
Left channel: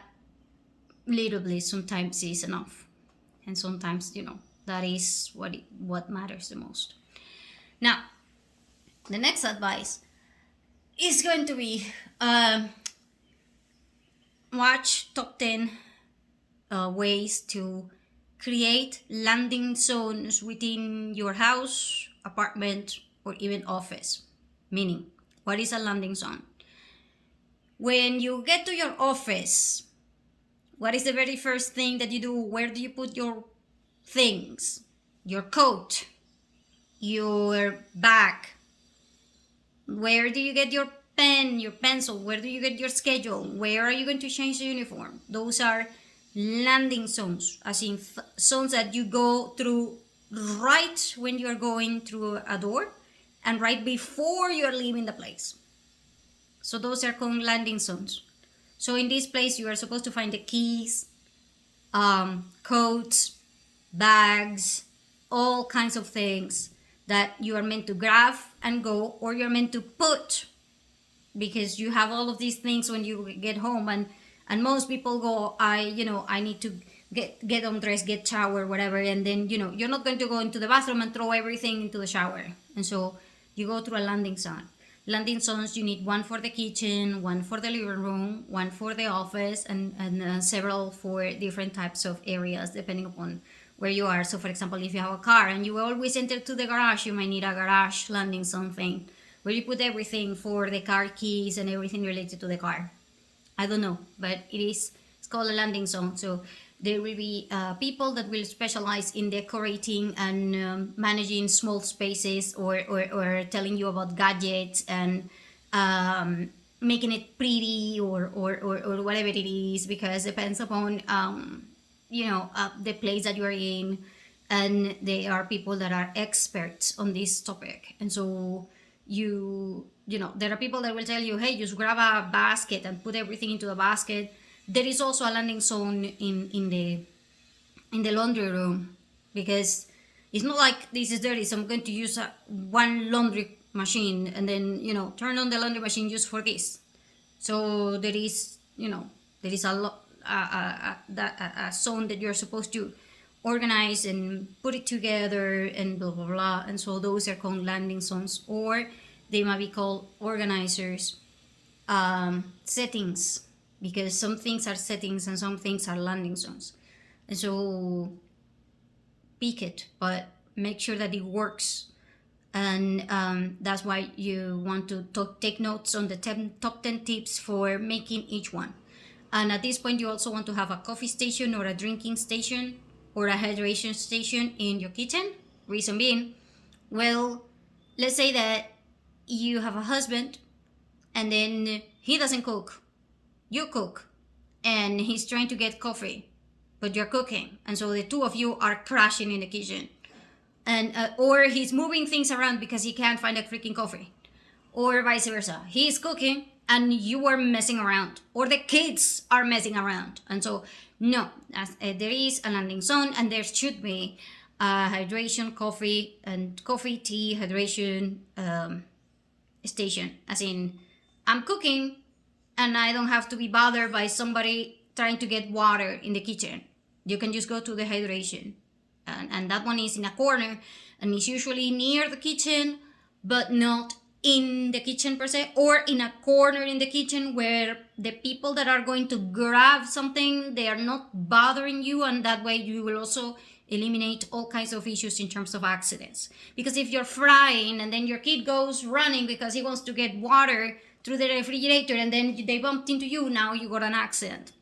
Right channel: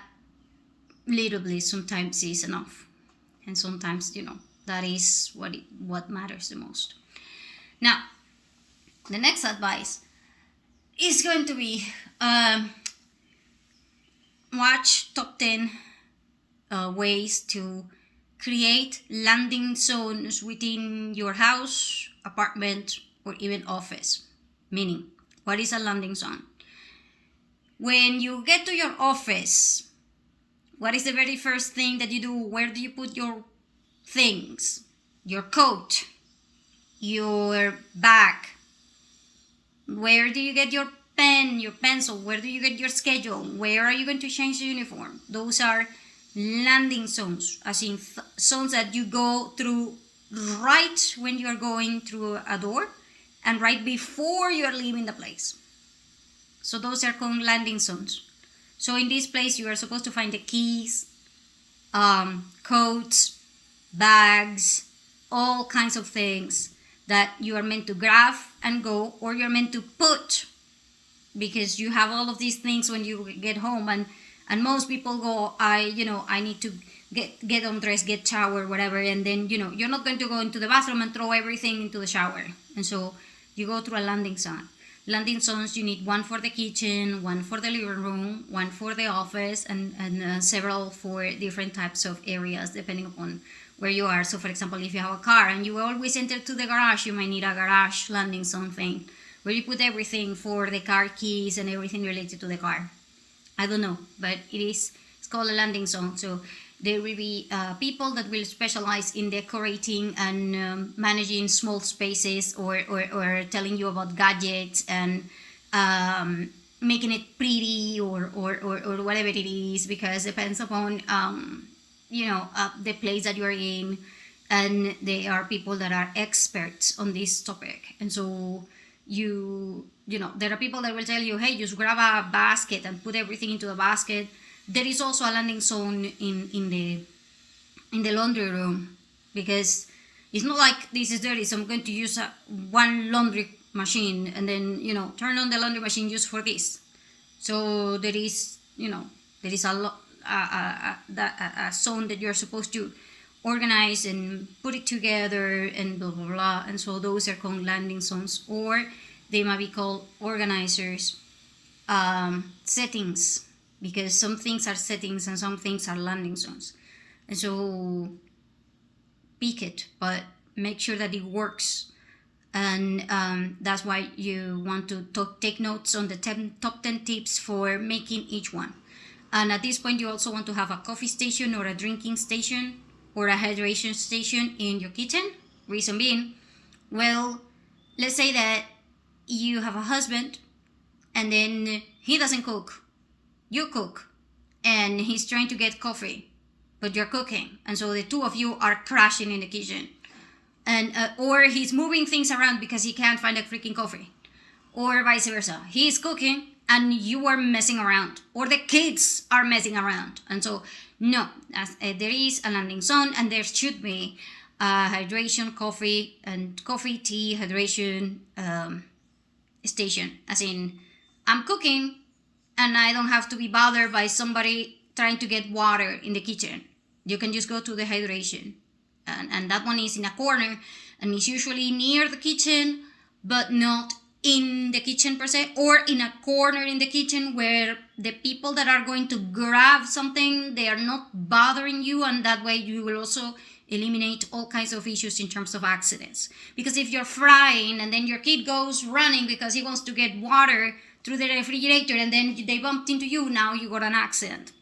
little bit sometimes is enough. And sometimes, that is what matters the most. Now, the next advice is going to be watch top 10 ways to create landing zones within your house, apartment, or even office. Meaning, what is a landing zone? When you get to your office, what is the very first thing that you do? Where do you put your things? Your coat, your bag. Where do you get your pen, your pencil? Where do you get your schedule? Where are you going to change the uniform? Those are landing zones, as in zones that you go through right when you're going through a door, and right before you're leaving the place. So those are called landing zones. So in this place, you are supposed to find the keys, coats, bags, all kinds of things that you are meant to grab and go, or you're meant to put, because you have all of these things when you get home, and most people go, I need to get undressed, get shower, whatever, and then you're not going to go into the bathroom and throw everything into the shower, and so you go through a landing zone. Landing zones, you need one for the kitchen, one for the living room, one for the office, and several for different types of areas depending upon where you are. So for example, if you have a car and you always enter to the garage, you might need a garage landing zone thing where you put everything for the car keys and everything related to the car. I don't know, but it's called a landing zone. So there will be people that will specialize in decorating and managing small spaces, or telling you about gadgets and making it pretty, or whatever it is, because it depends upon the place that you're in, and they are people that are experts on this topic. And so there are people that will tell you, hey, just grab a basket and put everything into the basket. There is also a landing zone in the laundry room, because it's not like this is dirty, so I'm going to use one laundry machine and then turn on the laundry machine just for this. So there is a zone that you're supposed to organize and put it together and blah blah blah. And so those are called landing zones, or they might be called organizers, settings, because some things are settings and some things are landing zones. And so pick it, but make sure that it works. And that's why you want to take notes on the top 10 tips for making each one. And at this point, you also want to have a coffee station or a drinking station or a hydration station in your kitchen. Reason being, well, let's say that you have a husband and then he doesn't cook, you cook, and he's trying to get coffee, but you're cooking, and so the two of you are crashing in the kitchen. And or he's moving things around because he can't find a freaking coffee, or vice versa, he's cooking and you are messing around, or the kids are messing around. And so no, there is a landing zone, and there should be hydration, coffee, and coffee, tea, hydration station. As in, I'm cooking and I don't have to be bothered by somebody trying to get water in the kitchen. You can just go to the hydration. And that one is in a corner, and it's usually near the kitchen, but not in the kitchen per se, or in a corner in the kitchen where the people that are going to grab something, they are not bothering you, and that way you will also eliminate all kinds of issues in terms of accidents. Because if you're frying and then your kid goes running because he wants to get water through the refrigerator and then they bumped into you, now you got an accident.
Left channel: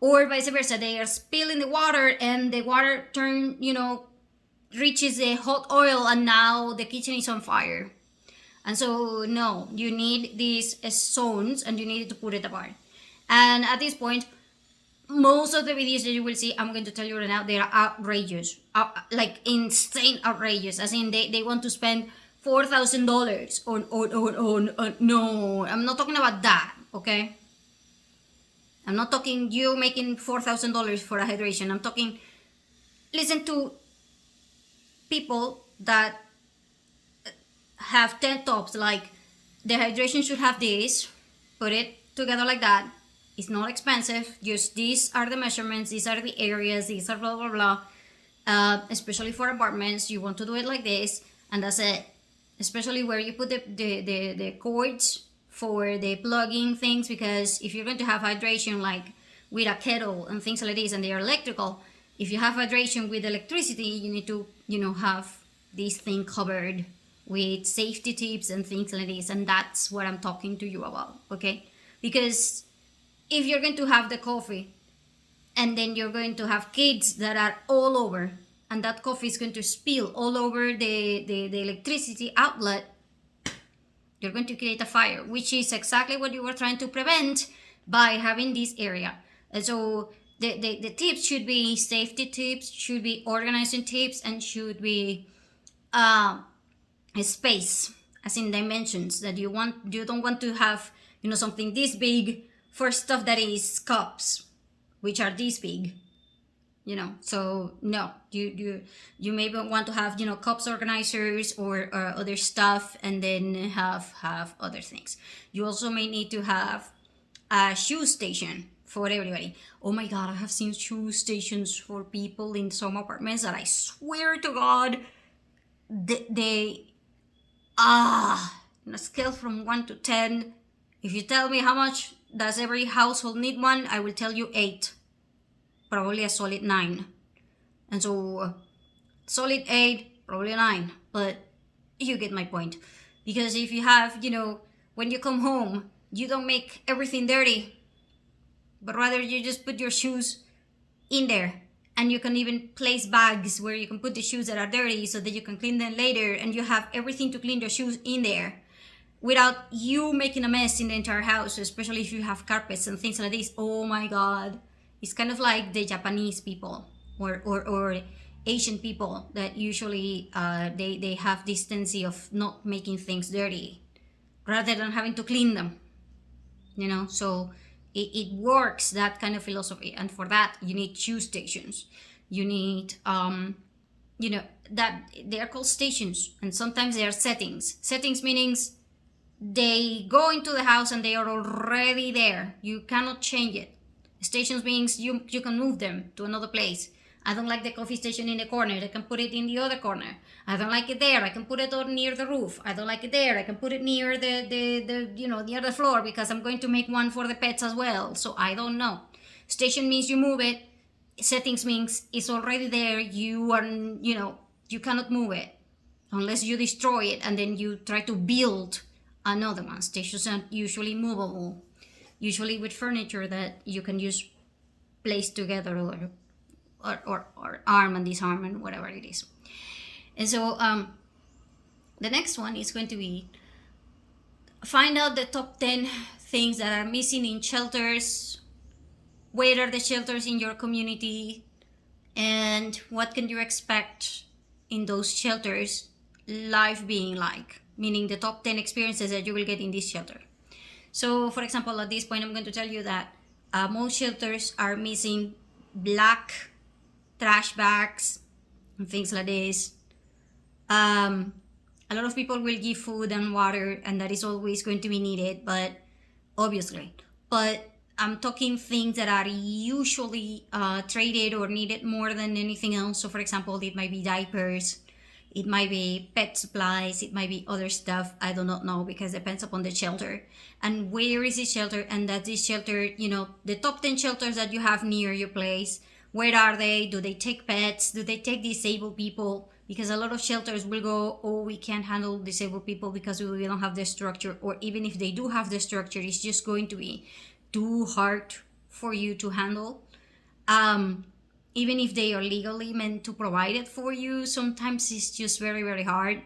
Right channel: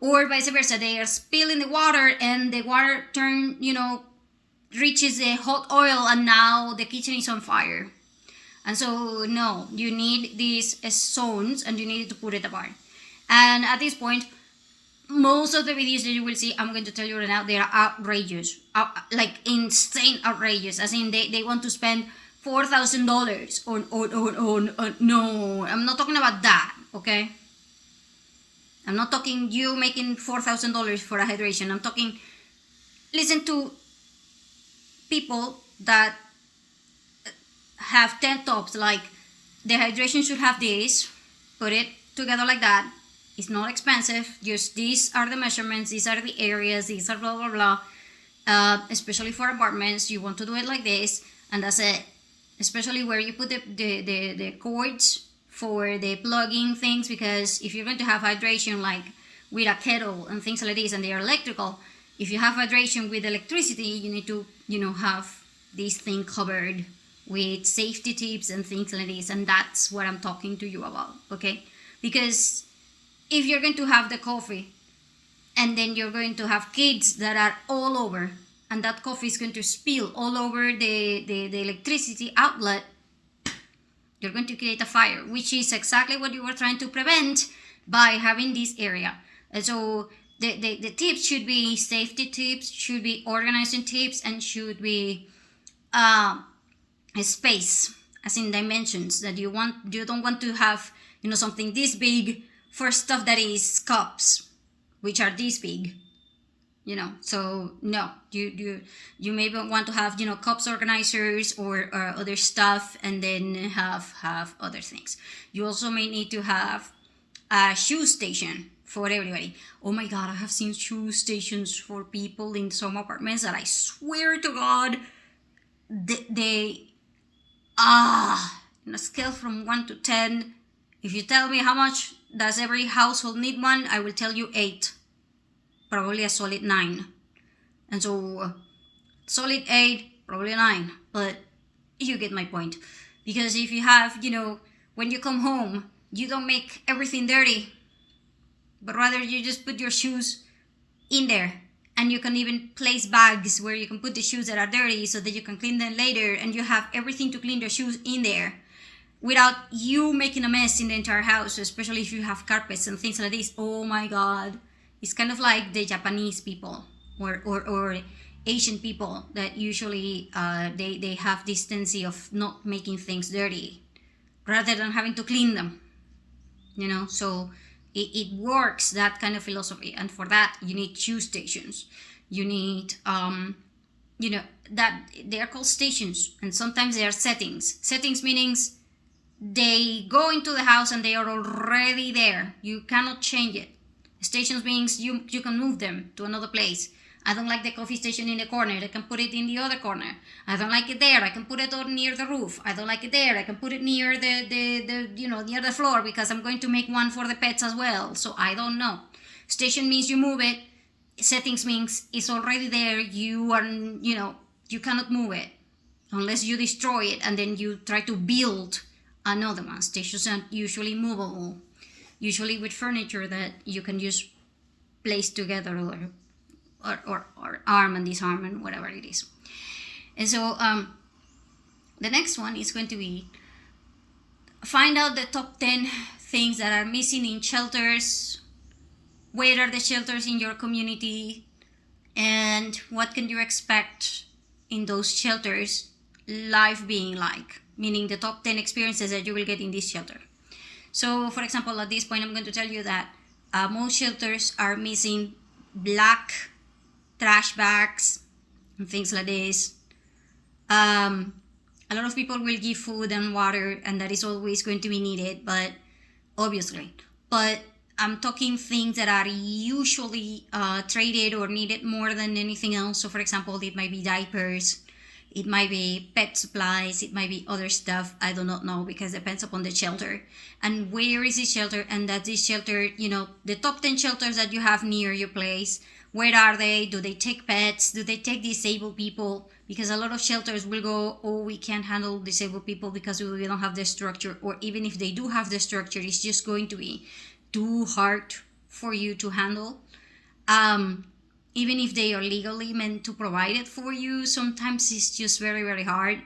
Or vice versa, they are spilling the water and the water reaches the hot oil and now the kitchen is on fire. And so no, you need these zones and you need to put it apart. And at this point, most of the videos that you will see, I'm going to tell you right now, they are outrageous, like insane outrageous. As in, they want to spend $4,000 on no, I'm not talking about that, okay? I'm not talking you making $4,000 for a hydration. I'm talking, listen to people that have 10 tops, like the hydration should have this, put it together like that. It's not expensive, just these are the measurements, these are the areas, these are blah blah blah. Especially for apartments, you want to do it like this, and that's it. Especially where you put the cords for the plugging things, because if you're going to have hydration like with a kettle and things like this and they are electrical, if you have hydration with electricity, you need to have this thing covered with safety tips and things like this. And that's what I'm talking to you about, okay? Because if you're going to have the coffee and then you're going to have kids that are all over, and that coffee is going to spill all over the electricity outlet, you're going to create a fire, which is exactly what you were trying to prevent by having this area. And so the tips should be safety tips, should be organizing tips, and should be a space, as in dimensions, that you don't want to have something this big for stuff that is cups, which are this big. So no, you maybe want to have cups organizers or other stuff, and then have other things. You also may need to have a shoe station for everybody. Oh my god, I have seen shoe stations for people in some apartments that I swear to god, they on a scale from 1 to 10, if you tell me how much does every household need one, I will tell you 8. Probably a solid 9. And so solid 8, probably 9, but you get my point. Because if you have, when you come home, you don't make everything dirty, but rather you just put your shoes in there, and you can even place bags where you can put the shoes that are dirty so that you can clean them later, and you have everything to clean your shoes in there without you making a mess in the entire house, especially if you have carpets and things like this. Oh my god. It's kind of like the Japanese people or Asian people that usually they have this tendency of not making things dirty rather than having to clean them. So it works, that kind of philosophy. And for that, you need shoe stations. You need, that they are called stations, and sometimes they are settings. Settings meanings they go into the house and they are already there. You cannot change it. Stations means you can move them to another place. I don't like the coffee station in the corner, I can put it in the other corner. I don't like it there, I can put it on near the roof. I don't like it there, I can put it near the near the floor, because I'm going to make one for the pets as well. So I don't know. Station means you move it settings means it's already there. You are, you cannot move it unless you destroy it and then you try to build another one. Stations are usually movable, usually with furniture that you can just place together, or arm and disarm and whatever it is. And so the next one is going to be find out the top 10 things that are missing in shelters. Where are the shelters in your community, and what can you expect in those shelters life being like, meaning the top 10 experiences that you will get in this shelter. So for example, at this point I'm going to tell you that most shelters are missing black trash bags and things like this. A lot of people will give food and water, and that is always going to be needed, but obviously, but I'm talking things that are usually traded or needed more than anything else. So for example, it might be diapers, it might be pet supplies, it might be other stuff. I do not know, because it depends upon the shelter and where is this shelter, and that this shelter, the top 10 shelters that you have near your place, where are they? Do they take pets? Do they take disabled people? Because a lot of shelters will go, oh, we can't handle disabled people because we don't have the structure, or even if they do have the structure, it's just going to be too hard for you to handle. Even if they are legally meant to provide it for you, sometimes it's just very, very hard,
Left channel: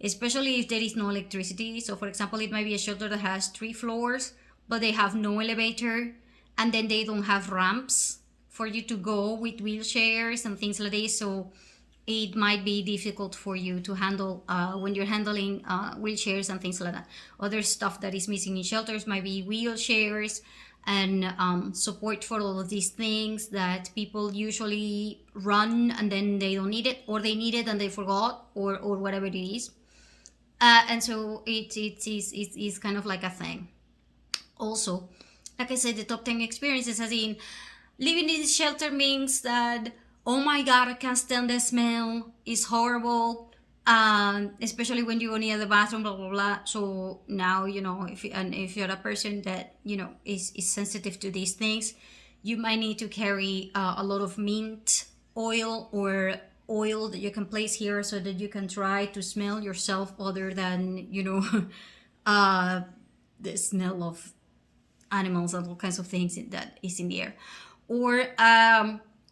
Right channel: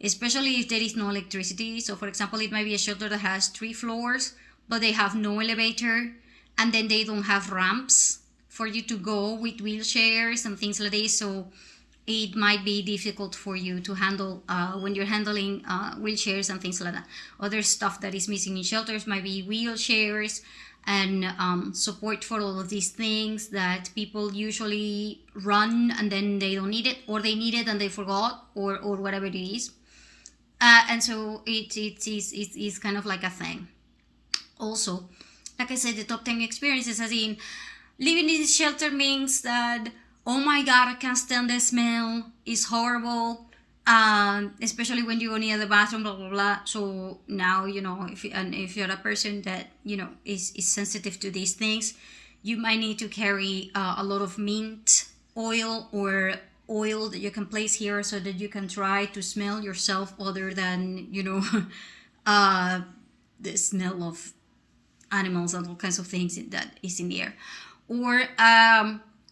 especially if there is no electricity. So for example, it might be a shelter that has 3 floors, but they have no elevator, and then they don't have ramps for you to go with wheelchairs and things like this. So it might be difficult for you to handle when you're handling wheelchairs and things like that. Other stuff that is missing in shelters might be wheelchairs and support for all of these things that people usually run and then they don't need it, or they need it and they forgot, or whatever it is. And so it's kind of like a thing. Also, like I said, the top 10 experiences, as in living in this shelter means that, oh my god, I can't stand the smell, it's horrible, especially when you go near the bathroom, blah blah blah. So now, if you're a person that is sensitive to these things, you might need to carry a lot of mint oil or oil that you can place here, so that you can try to smell yourself other than the smell of animals and all kinds of things that is in the air. Or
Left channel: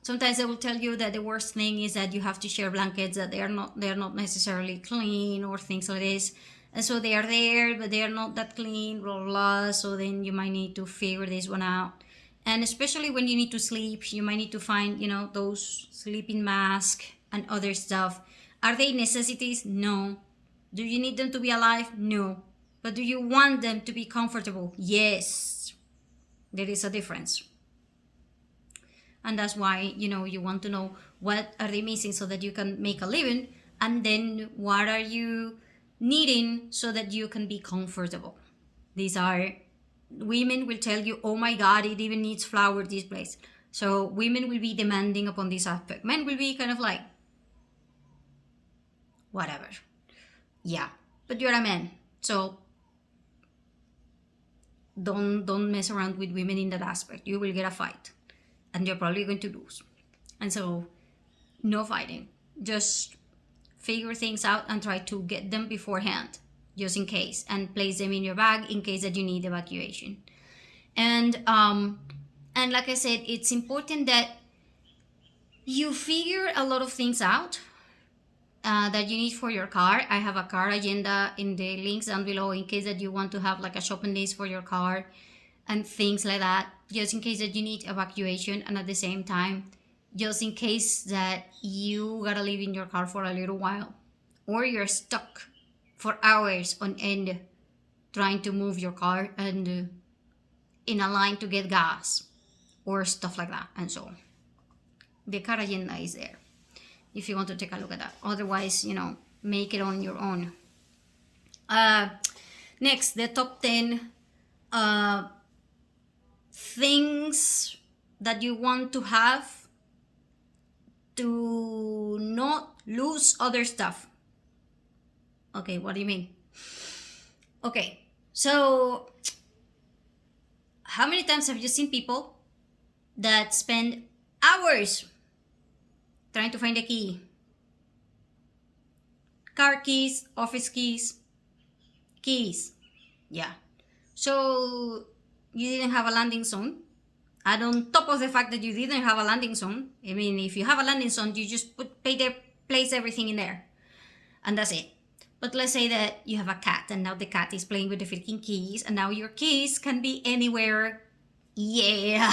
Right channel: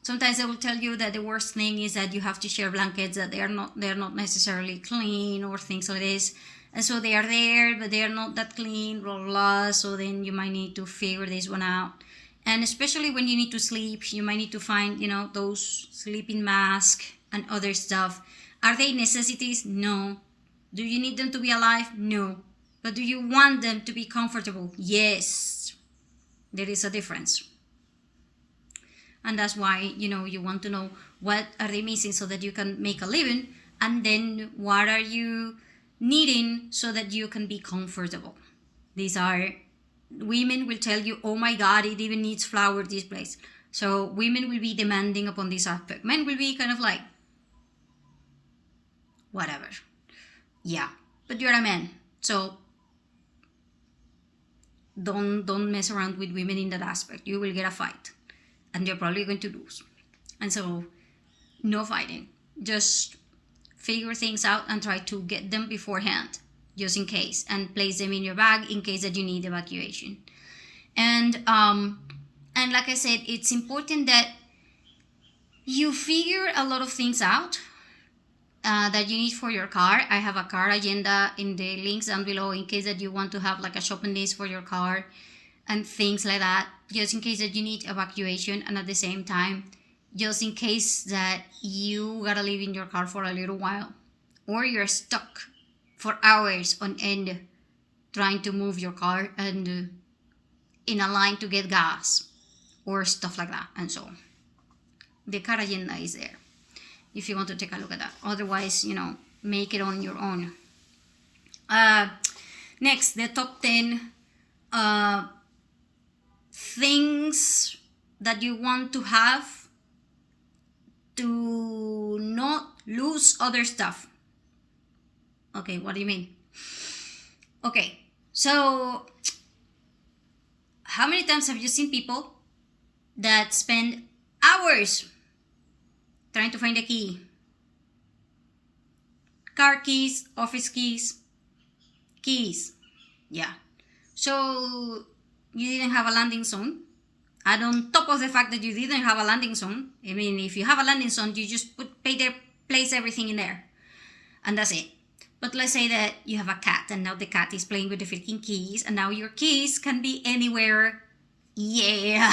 sometimes they will tell you that the worst thing is that you have to share blankets, that they're not necessarily clean, or things like this. And so they are there, but they are not that clean, blah, blah, blah. So then you might need to figure this one out. And especially when you need to sleep, you might need to find, those sleeping masks and other stuff. Are they necessities? No. Do you need them to be alive? No. But do you want them to be comfortable? Yes. There is a difference. And that's why, you want to know what are they missing so that you can make a living, and then what are you needing so that you can be comfortable. These are, women will tell you, oh my god, it even needs flower, this place. So women will be demanding upon this aspect. Men will be kind of like, whatever. Yeah, but you're a man, so don't mess around with women in that aspect. You will get a fight, and you're probably going to lose. And so, no fighting. Just figure things out and try to get them beforehand, just in case, and place them in your bag in case that you need evacuation. And like I said, it's important that you figure a lot of things out that you need for your car. I have a car agenda in the links down below in case that you want to have like a shopping list for your car and things like that, just in case that you need evacuation, and at the same time, just in case that you gotta live in your car for a little while, or you're stuck for hours on end trying to move your car and in a line to get gas or stuff like that. And so the car agenda is there if you want to take a look at that. Otherwise, make it on your own. Next, the top 10 things that you want to have to not lose other stuff. Okay, what do you mean? Okay, so how many times have you seen people that spend Hours trying to find the key. Car keys, office keys, keys. Yeah. So you didn't have a landing zone. And on top of the fact that you didn't have a landing zone, I mean, if you have a landing zone, you just place everything in there. And that's it. But let's say that you have a cat and now the cat is playing with the freaking keys and now your keys can be anywhere. Yeah.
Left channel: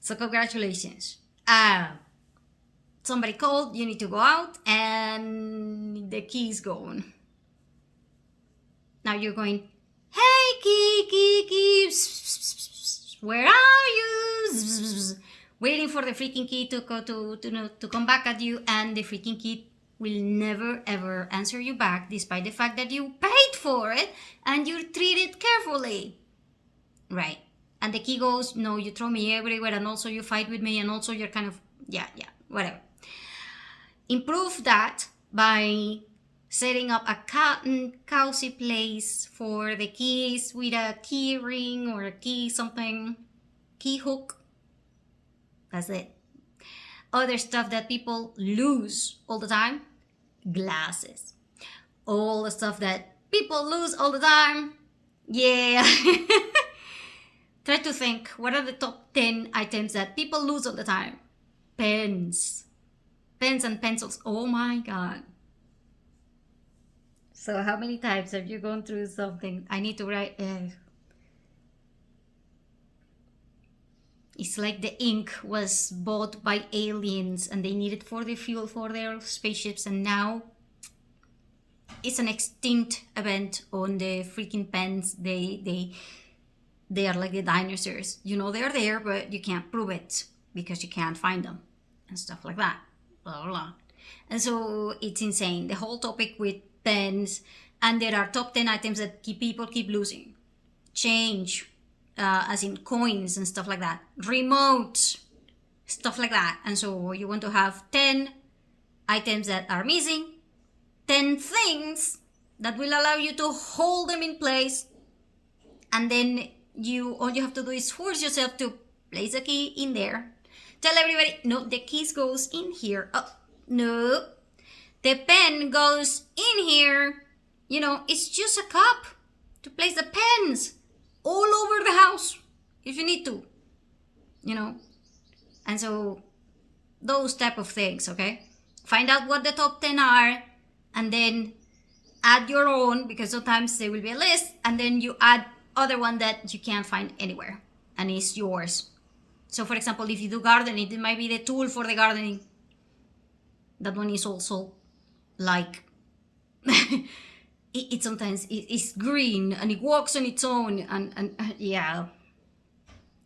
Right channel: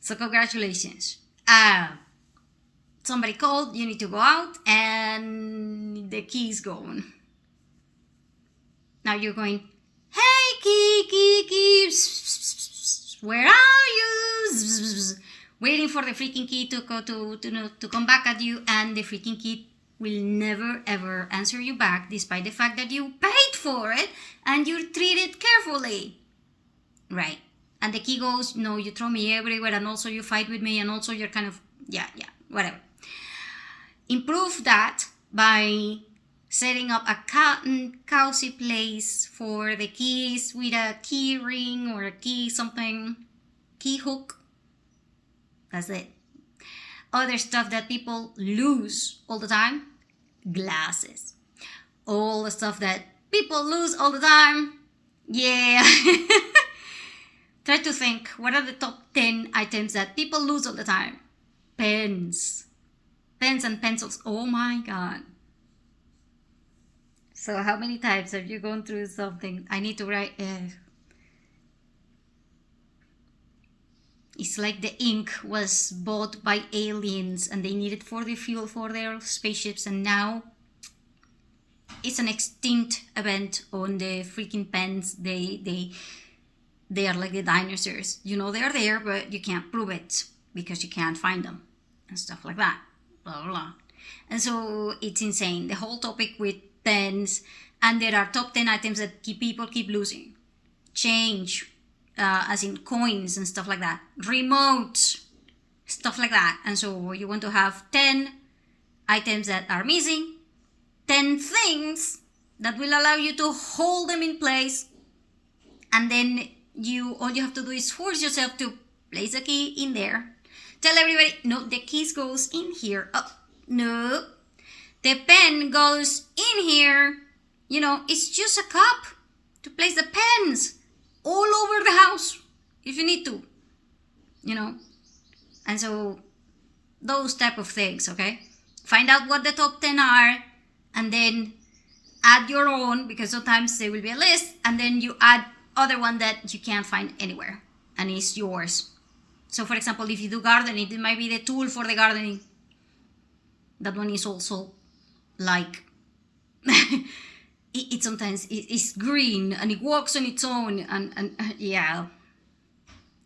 So congratulations. Somebody called, you need to go out and the key is gone. Now you're going, hey, key, where are you? Waiting for the freaking key to come back at you, and the freaking key will never ever answer you back, despite the fact that you paid for it and you treat it carefully. Right. And the key goes, no, you throw me everywhere, and also you fight with me, and also you're kind of, yeah, whatever. Improve that by setting up a cozy place for the keys with a key ring or a key something, key hook. That's it. Other stuff that people lose all the time, glasses. All the stuff that people lose all the time, yeah. Try to think, what are the top 10 items that people lose all the time? Pens and pencils. Oh my God. So how many times have you gone through something? I need to write. It's like the ink was bought by aliens and they need it for the fuel for their spaceships, and now it's an extinct event on the freaking pens. They are like the dinosaurs. You know they're there, but you can't prove it because you can't find them and stuff like that. Blah, blah, blah. And so it's insane. The whole topic with pens, and there are top 10 items that people keep losing. Change, as in coins and stuff like that. Remotes, stuff like that. And so you want to have 10 items that are missing, 10 things that will allow you to hold them in place, and then all you have to do is force yourself to place a key in there. Tell everybody, no, the keys goes in here. Oh, no, the pen goes in here. You know, it's just a cup to place the pens all over the house if you need to, you know. And so those type of things, okay? Find out what the top 10 are and then add your own, because sometimes there will be a list, and then you add other one that you can't find anywhere and it's yours. So for example, if you do gardening, it might be the tool for the gardening. That one is also like it sometimes it's green and it walks on its own, and yeah.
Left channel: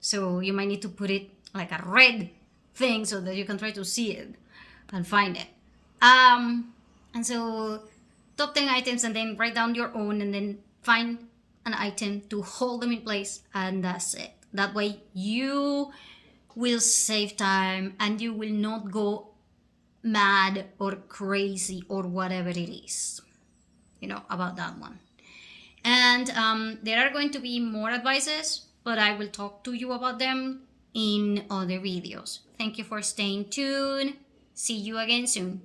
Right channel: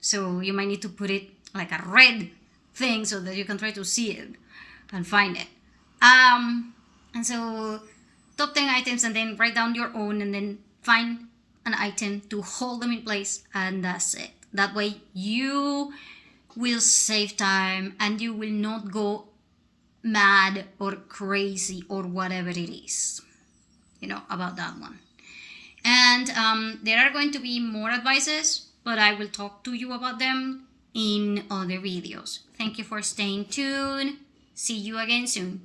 So you might need to put it like a red thing so that you can try to see it and find it. And so top 10 items, and then write down your own, and then find an item to hold them in place, and that's it. That way you will save time and you will not go mad or crazy or whatever it is, you know, about that one. And there are going to be more advices, but I will talk to you about them in other videos. Thank you for staying tuned. See you again soon.